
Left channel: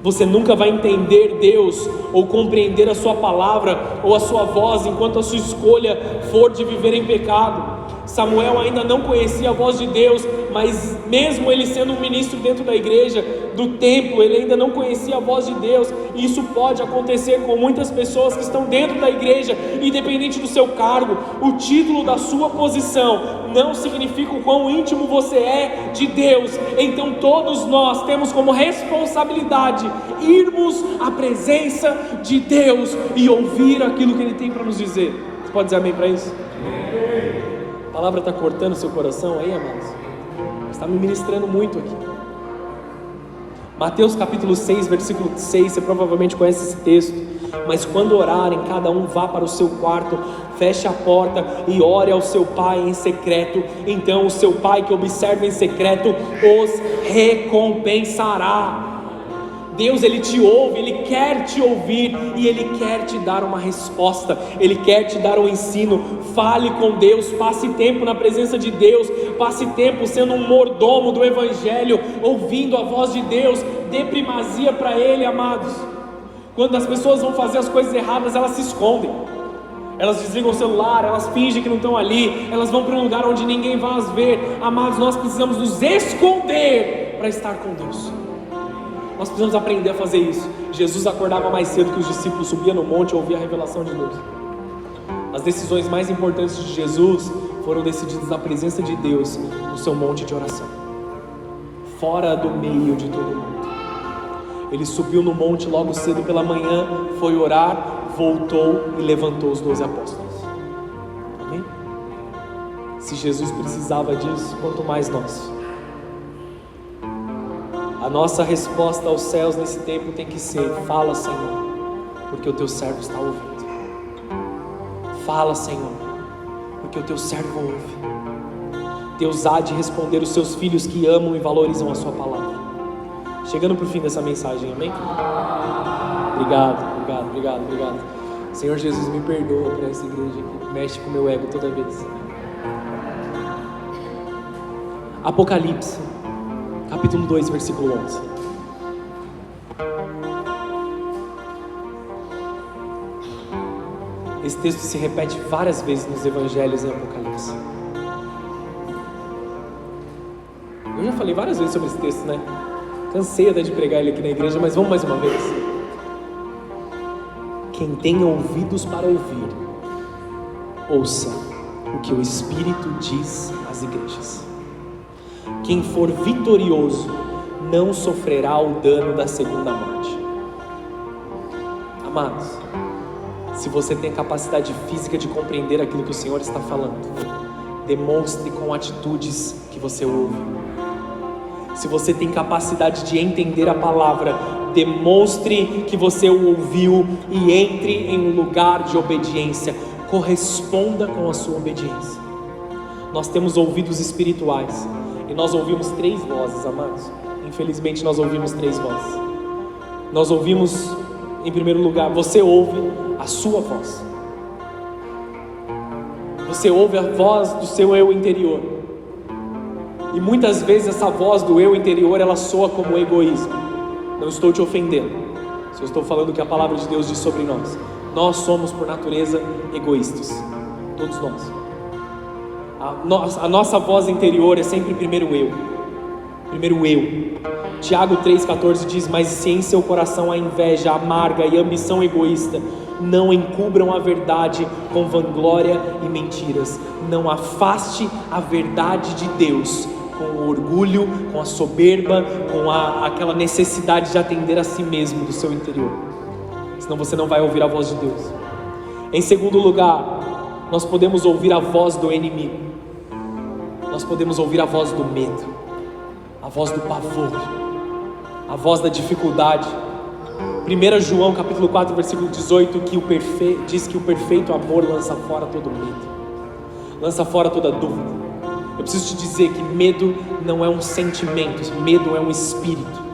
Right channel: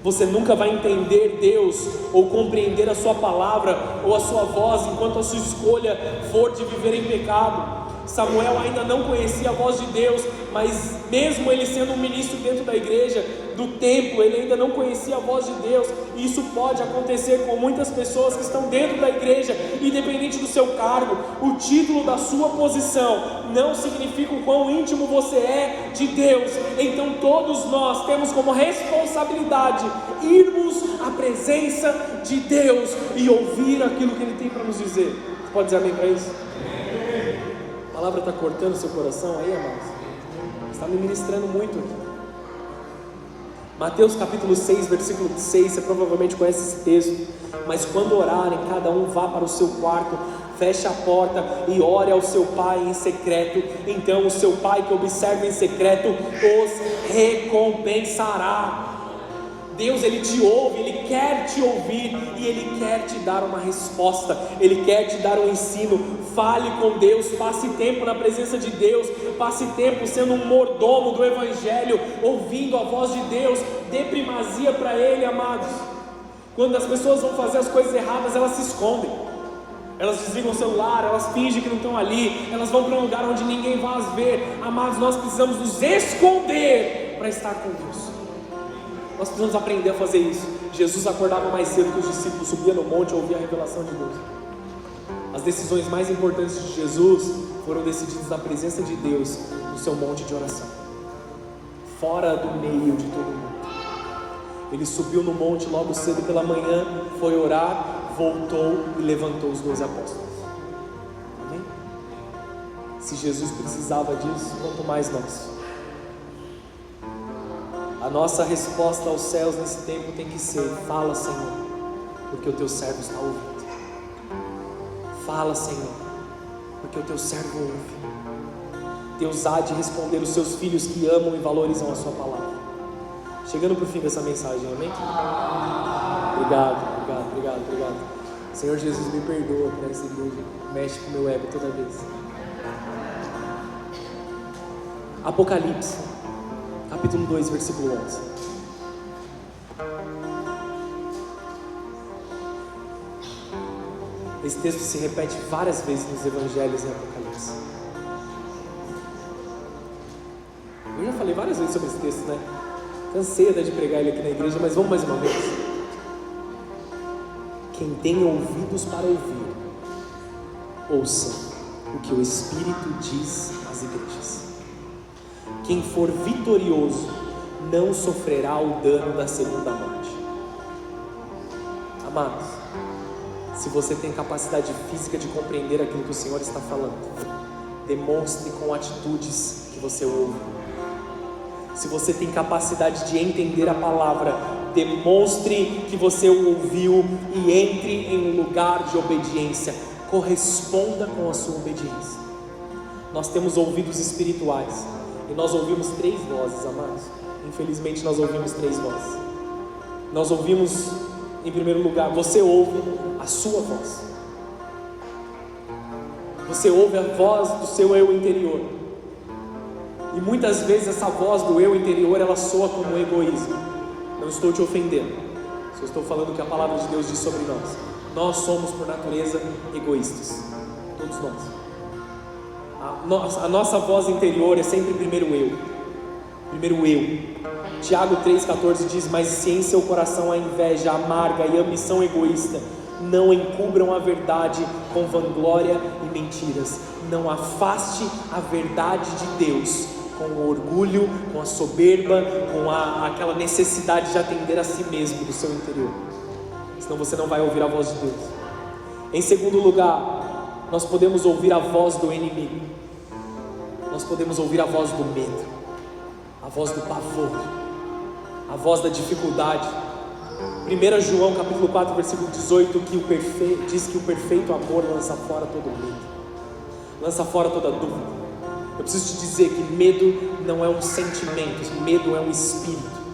Você nunca vai entender Deus ou compreender a sua palavra ou a sua voz enquanto a sua escolha for de viver em pecado. Samuel ainda não conhecia a voz de Deus, mas mesmo ele sendo um ministro dentro da igreja, do templo, ele ainda não conhecia a voz de Deus. E isso pode acontecer com muitas pessoas que estão dentro da igreja, independente do seu cargo. O título da sua posição não significa o quão íntimo você é de Deus. Então todos nós temos como responsabilidade irmos à presença de Deus e ouvir aquilo que Ele tem para nos dizer. Você pode dizer amém para isso? A palavra está cortando seu coração aí, amados? Está me ministrando muito aqui. Mateus capítulo 6, versículo 6, você provavelmente conhece esse texto. Mas quando orarem, cada um vá para o seu quarto, feche a porta e ore ao seu pai em secreto. Então o seu pai que observa em secreto os recompensará. Deus, Ele te ouve, Ele quer te ouvir e Ele quer te dar uma resposta, Ele quer te dar um ensino. Fale com Deus, passe tempo na presença de Deus, passe tempo sendo um mordomo do Evangelho, ouvindo a voz de Deus. Dê primazia para Ele, amados. Quando as pessoas vão fazer as coisas erradas, elas se escondem, elas desligam o celular, elas fingem que não estão ali, elas vão para um lugar onde ninguém vai as ver. Amados, nós precisamos nos esconder para estar com Deus. Nós precisamos aprender a fazer isso. Jesus acordava mais cedo que os discípulos, subia no monte e ouvia a revelação de Deus. As decisões mais importantes de Jesus foram decididas na presença de Deus, no seu monte de oração, fora do meio de todo mundo. Ele subiu no monte logo cedo pela manhã, foi orar, voltou e levantou os 12 apóstolos. Amém? Se Jesus precisava disso, quanto mais nós. A nossa resposta aos céus nesse tempo tem que ser: fala, Senhor, porque o teu servo está ouvindo. Fala, Senhor, porque o teu servo ouve. Deus há de responder os seus filhos que amam e valorizam a sua palavra. Chegando para o fim dessa mensagem, amém? Obrigado. Senhor Jesus, me perdoa por essa igreja, mexe com o meu ego toda vez. Apocalipse, capítulo 2, versículo 11. Esse texto se repete várias vezes nos evangelhos em Apocalipse. Eu já falei várias vezes sobre esse texto, né? Cansei de pregar ele aqui na igreja, mas vamos mais uma vez. Quem tem ouvidos para ouvir, ouça o que o Espírito diz às igrejas. Quem for vitorioso não sofrerá o dano da segunda morte. Amados, se você tem capacidade física de compreender aquilo que o Senhor está falando, demonstre com atitudes que você ouve. Se você tem capacidade de entender a palavra, demonstre que você o ouviu e entre em um lugar de obediência. Corresponda com a sua obediência. Nós temos ouvidos espirituais e nós ouvimos 3 vozes, amados. Infelizmente nós ouvimos 3 vozes. Nós ouvimos, em primeiro lugar, você ouve a sua voz. Você ouve a voz do seu eu interior. E muitas vezes essa voz do eu interior, ela soa como egoísmo. Não estou te ofendendo, só estou falando o que a palavra de Deus diz sobre nós. Nós somos por natureza egoístas, todos nós. A nossa voz interior é sempre primeiro eu. Tiago 3,14 diz: mas se em seu coração há inveja amarga e ambição egoísta, não encubram a verdade com vanglória e mentiras. Não afaste a verdade de Deus com o orgulho, com a soberba, com aquela necessidade de atender a si mesmo do seu interior. Senão você não vai ouvir a voz de Deus. Em segundo lugar, nós podemos ouvir a voz do inimigo. Nós podemos ouvir a voz do medo, a voz do pavor, a voz da dificuldade. 1 João capítulo 4, versículo 18, diz que o perfeito amor lança fora todo medo, lança fora toda dúvida. Eu preciso te dizer que medo não é um sentimento, medo é um espírito.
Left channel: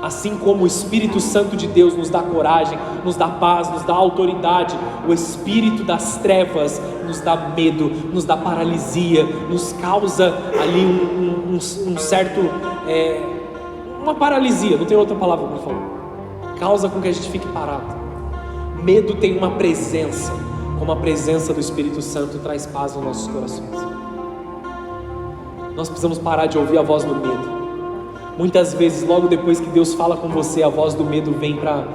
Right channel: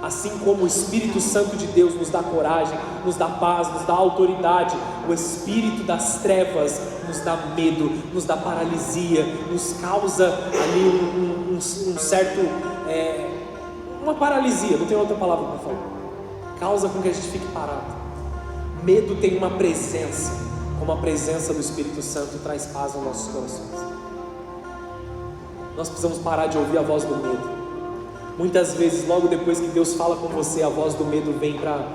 Assim como o Espírito Santo de Deus nos dá coragem, nos dá paz, nos dá autoridade, o espírito das trevas nos dá medo, nos dá paralisia, nos causa ali um certo, uma paralisia, não tem outra palavra para falar. Causa com que a gente fique parado. Medo tem uma presença, como a presença do Espírito Santo traz paz nos nossos corações. Nós precisamos parar de ouvir a voz do medo. Muitas vezes, logo depois que Deus fala com você, a voz do medo vem para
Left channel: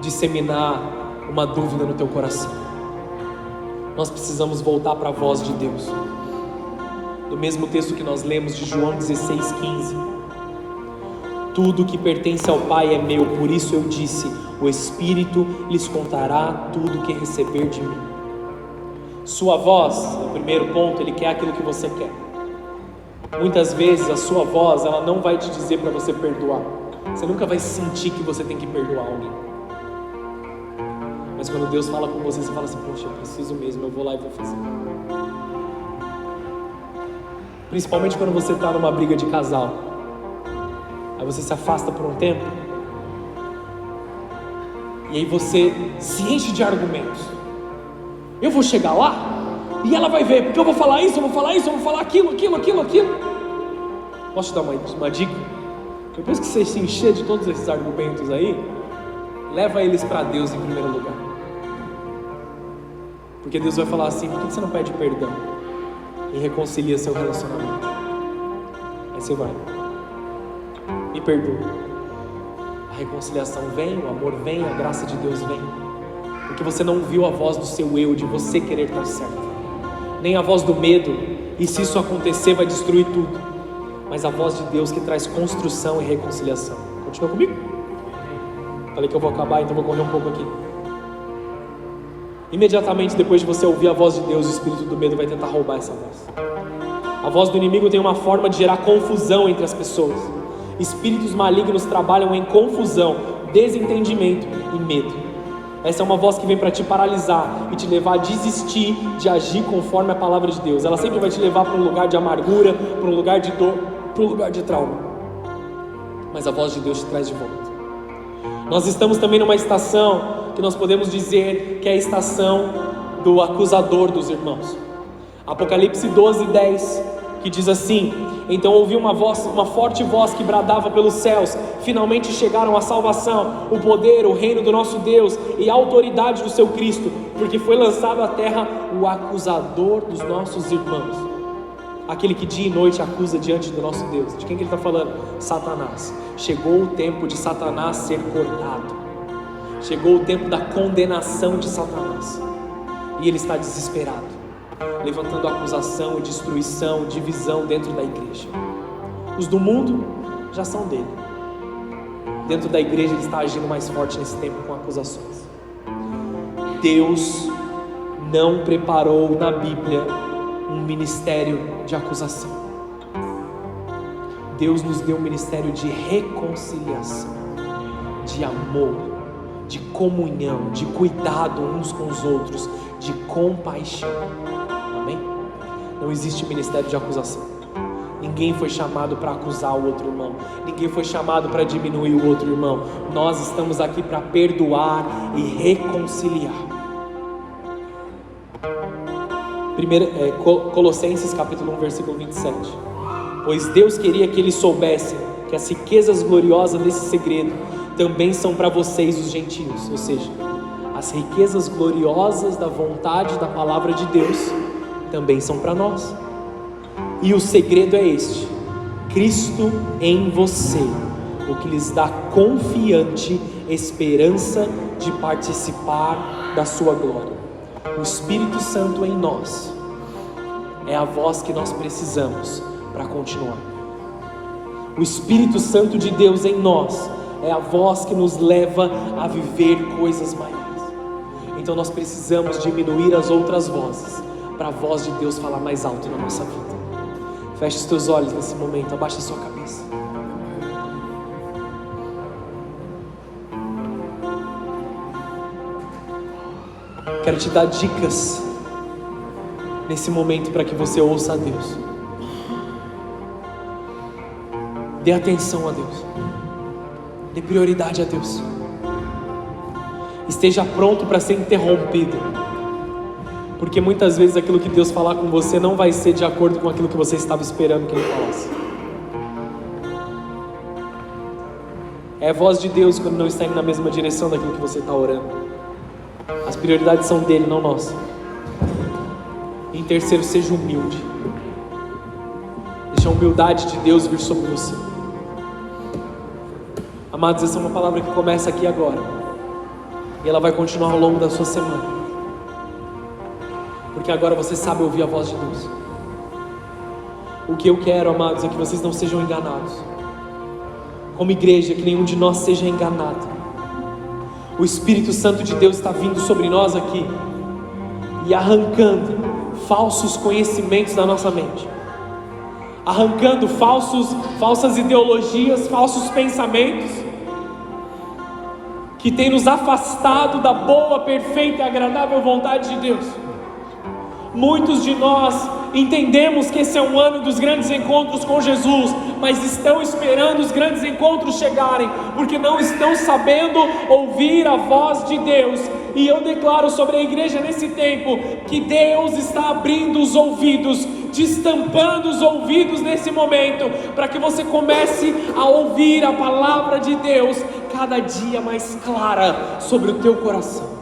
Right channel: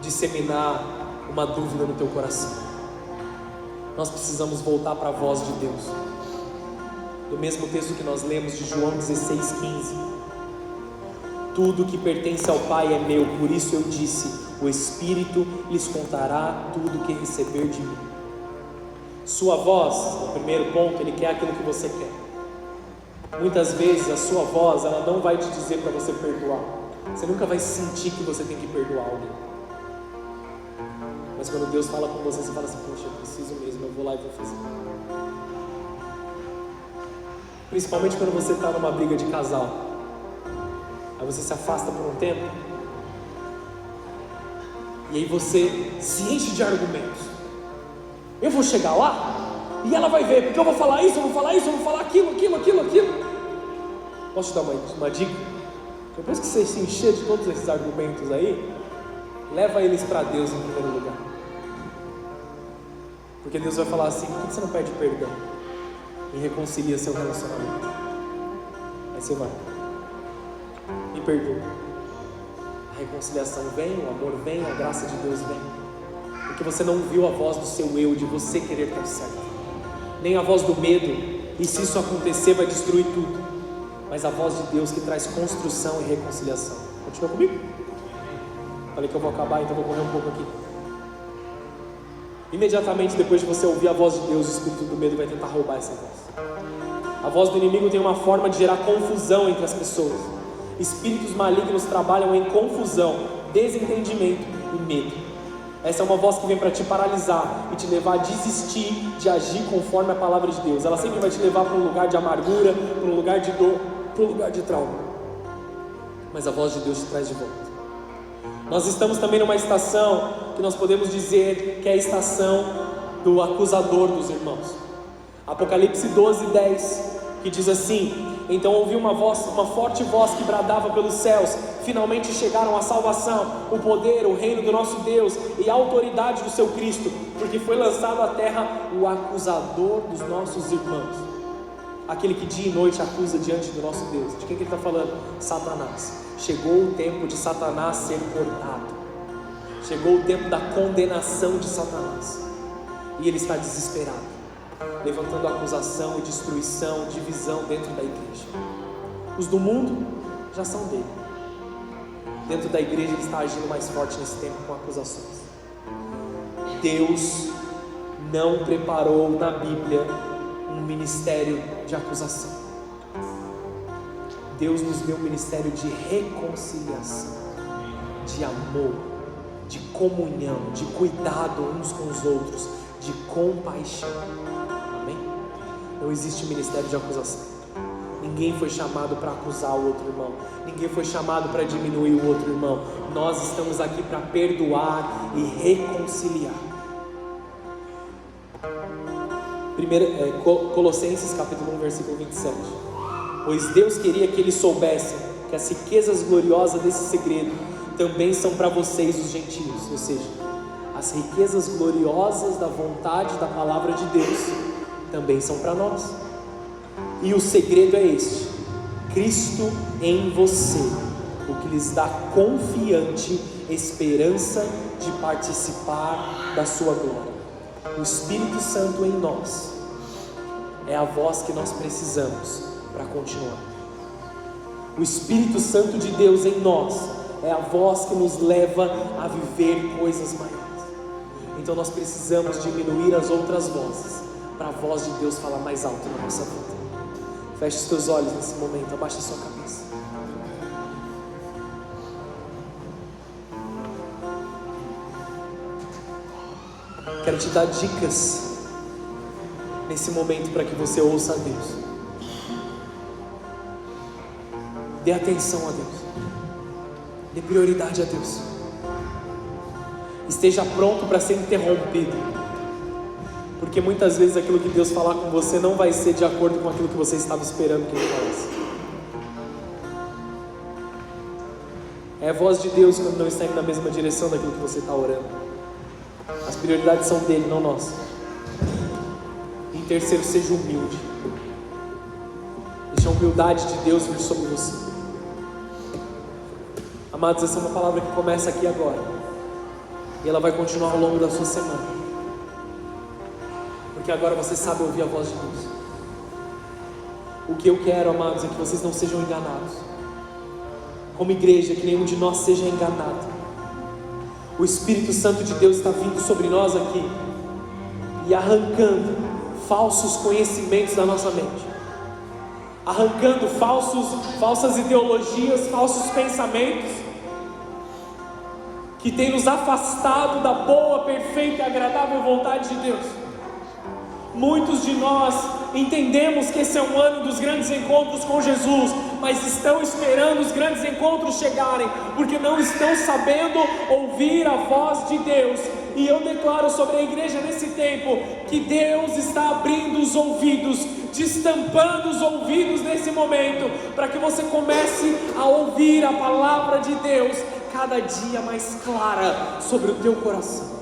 disseminar uma dúvida no teu coração. Nós precisamos voltar para a voz de Deus. No mesmo texto que nós lemos de João 16,15: tudo que pertence ao Pai é meu, por isso eu disse: o Espírito lhes contará tudo o que receber de mim. Sua voz, no primeiro ponto, Ele quer aquilo que você quer. Muitas vezes a sua voz, ela não vai te dizer para você perdoar. Você nunca vai sentir que você tem que perdoar alguém. Mas quando Deus fala com você, você fala assim: poxa, eu preciso mesmo, eu vou lá e vou fazer. Principalmente quando você está numa briga de casal. Aí você se afasta por um tempo, e aí você se enche de argumentos. Eu vou chegar lá e ela vai ver, porque eu vou falar isso, eu vou falar isso, eu vou falar aquilo. Posso te dar uma dica? Depois que você se encher de todos esses argumentos aí, leva eles para Deus em primeiro lugar. Porque Deus vai falar assim: por que você não pede perdão e reconcilia seu relacionamento? Aí você vai e perdoa. A reconciliação vem, o amor vem, a graça de Deus vem. porque você não viu a voz do seu eu, de você querer estar certo, nem a voz do medo, e se isso acontecer vai destruir tudo, mas a voz de Deus que traz construção e reconciliação. Continua comigo? Falei que eu vou acabar, então vou correr um pouco aqui. Imediatamente depois de você ouvir a voz de Deus, o espírito do medo vai tentar roubar essa voz. A voz do inimigo tem uma forma de gerar confusão entre as pessoas. Espíritos malignos trabalham em confusão, desentendimento e medo. Essa é uma voz que vem para te paralisar e te levar a desistir de agir conforme a palavra de Deus. Ela sempre vai te levar para um lugar de amargura, para um lugar de dor, para um lugar de trauma. Mas a voz de Deus te traz de volta. Nós estamos também numa estação que nós podemos dizer que é a estação do acusador dos irmãos. Apocalipse 12:10, que diz assim: então ouvi uma forte voz que bradava pelos céus: finalmente chegaram a salvação, o poder, o reino do nosso Deus e a autoridade do seu Cristo, porque foi lançado à terra o acusador dos nossos irmãos, aquele que dia e noite acusa diante do nosso Deus. De quem que ele está falando? Satanás. Chegou o tempo de Satanás ser cortado, chegou o tempo da condenação de Satanás, e ele está desesperado, levantando acusação, destruição, divisão dentro da igreja. Os do mundo já são dele. Dentro da igreja ele está agindo mais forte nesse tempo com acusações. Deus não preparou na Bíblia um ministério de acusação. Deus nos deu um ministério de reconciliação, de amor, de comunhão, de cuidado uns com os outros, de compaixão. Amém? Não existe ministério de acusação. Ninguém foi chamado para acusar o outro irmão. Ninguém foi chamado para diminuir o outro irmão. Nós estamos aqui para perdoar e reconciliar. Colossenses capítulo 1, versículo 27. Pois Deus queria que eles soubessem que as riquezas gloriosas desse segredo também são para vocês, os gentios. Ou seja, as riquezas gloriosas da vontade da palavra de Deus também são para nós. E o segredo é este: Cristo em você, o que lhes dá confiante esperança de participar da sua glória. O Espírito Santo em nós é a voz que nós precisamos para continuar. O Espírito Santo de Deus em nós é a voz que nos leva a viver coisas maiores. Então nós precisamos diminuir as outras vozes para a voz de Deus falar mais alto na nossa vida. Feche os teus olhos nesse momento, abaixa a sua cabeça. Quero te dar dicas nesse momento para que você ouça a Deus. Dê atenção a Deus. Dê prioridade a Deus. Esteja pronto para ser interrompido, porque muitas vezes aquilo que Deus falar com você não vai ser de acordo com aquilo que você estava esperando que Ele falasse. É a voz de Deus quando não está indo na mesma direção daquilo que você está orando. As prioridades são dele, não nossas. Em terceiro, seja humilde. Deixa a humildade de Deus vir sobre você. Amados, essa é uma palavra que começa aqui agora, e ela vai continuar ao longo da sua semana, porque agora você sabe ouvir a voz de Deus. O que eu quero, amados, é que vocês não sejam enganados. Como igreja, que nenhum de nós seja enganado. O Espírito Santo de Deus está vindo sobre nós aqui e arrancando falsos conhecimentos da nossa mente, arrancando falsas ideologias, falsos pensamentos que tem nos afastado da boa, perfeita e agradável vontade de Deus. Muitos de nós entendemos que esse é um ano dos grandes encontros com Jesus, mas estão esperando os grandes encontros chegarem, porque não estão sabendo ouvir a voz de Deus. E eu declaro sobre a igreja nesse tempo, que Deus está abrindo os ouvidos, destampando os ouvidos nesse momento, para que você comece a ouvir a palavra de Deus cada dia mais clara sobre o teu coração.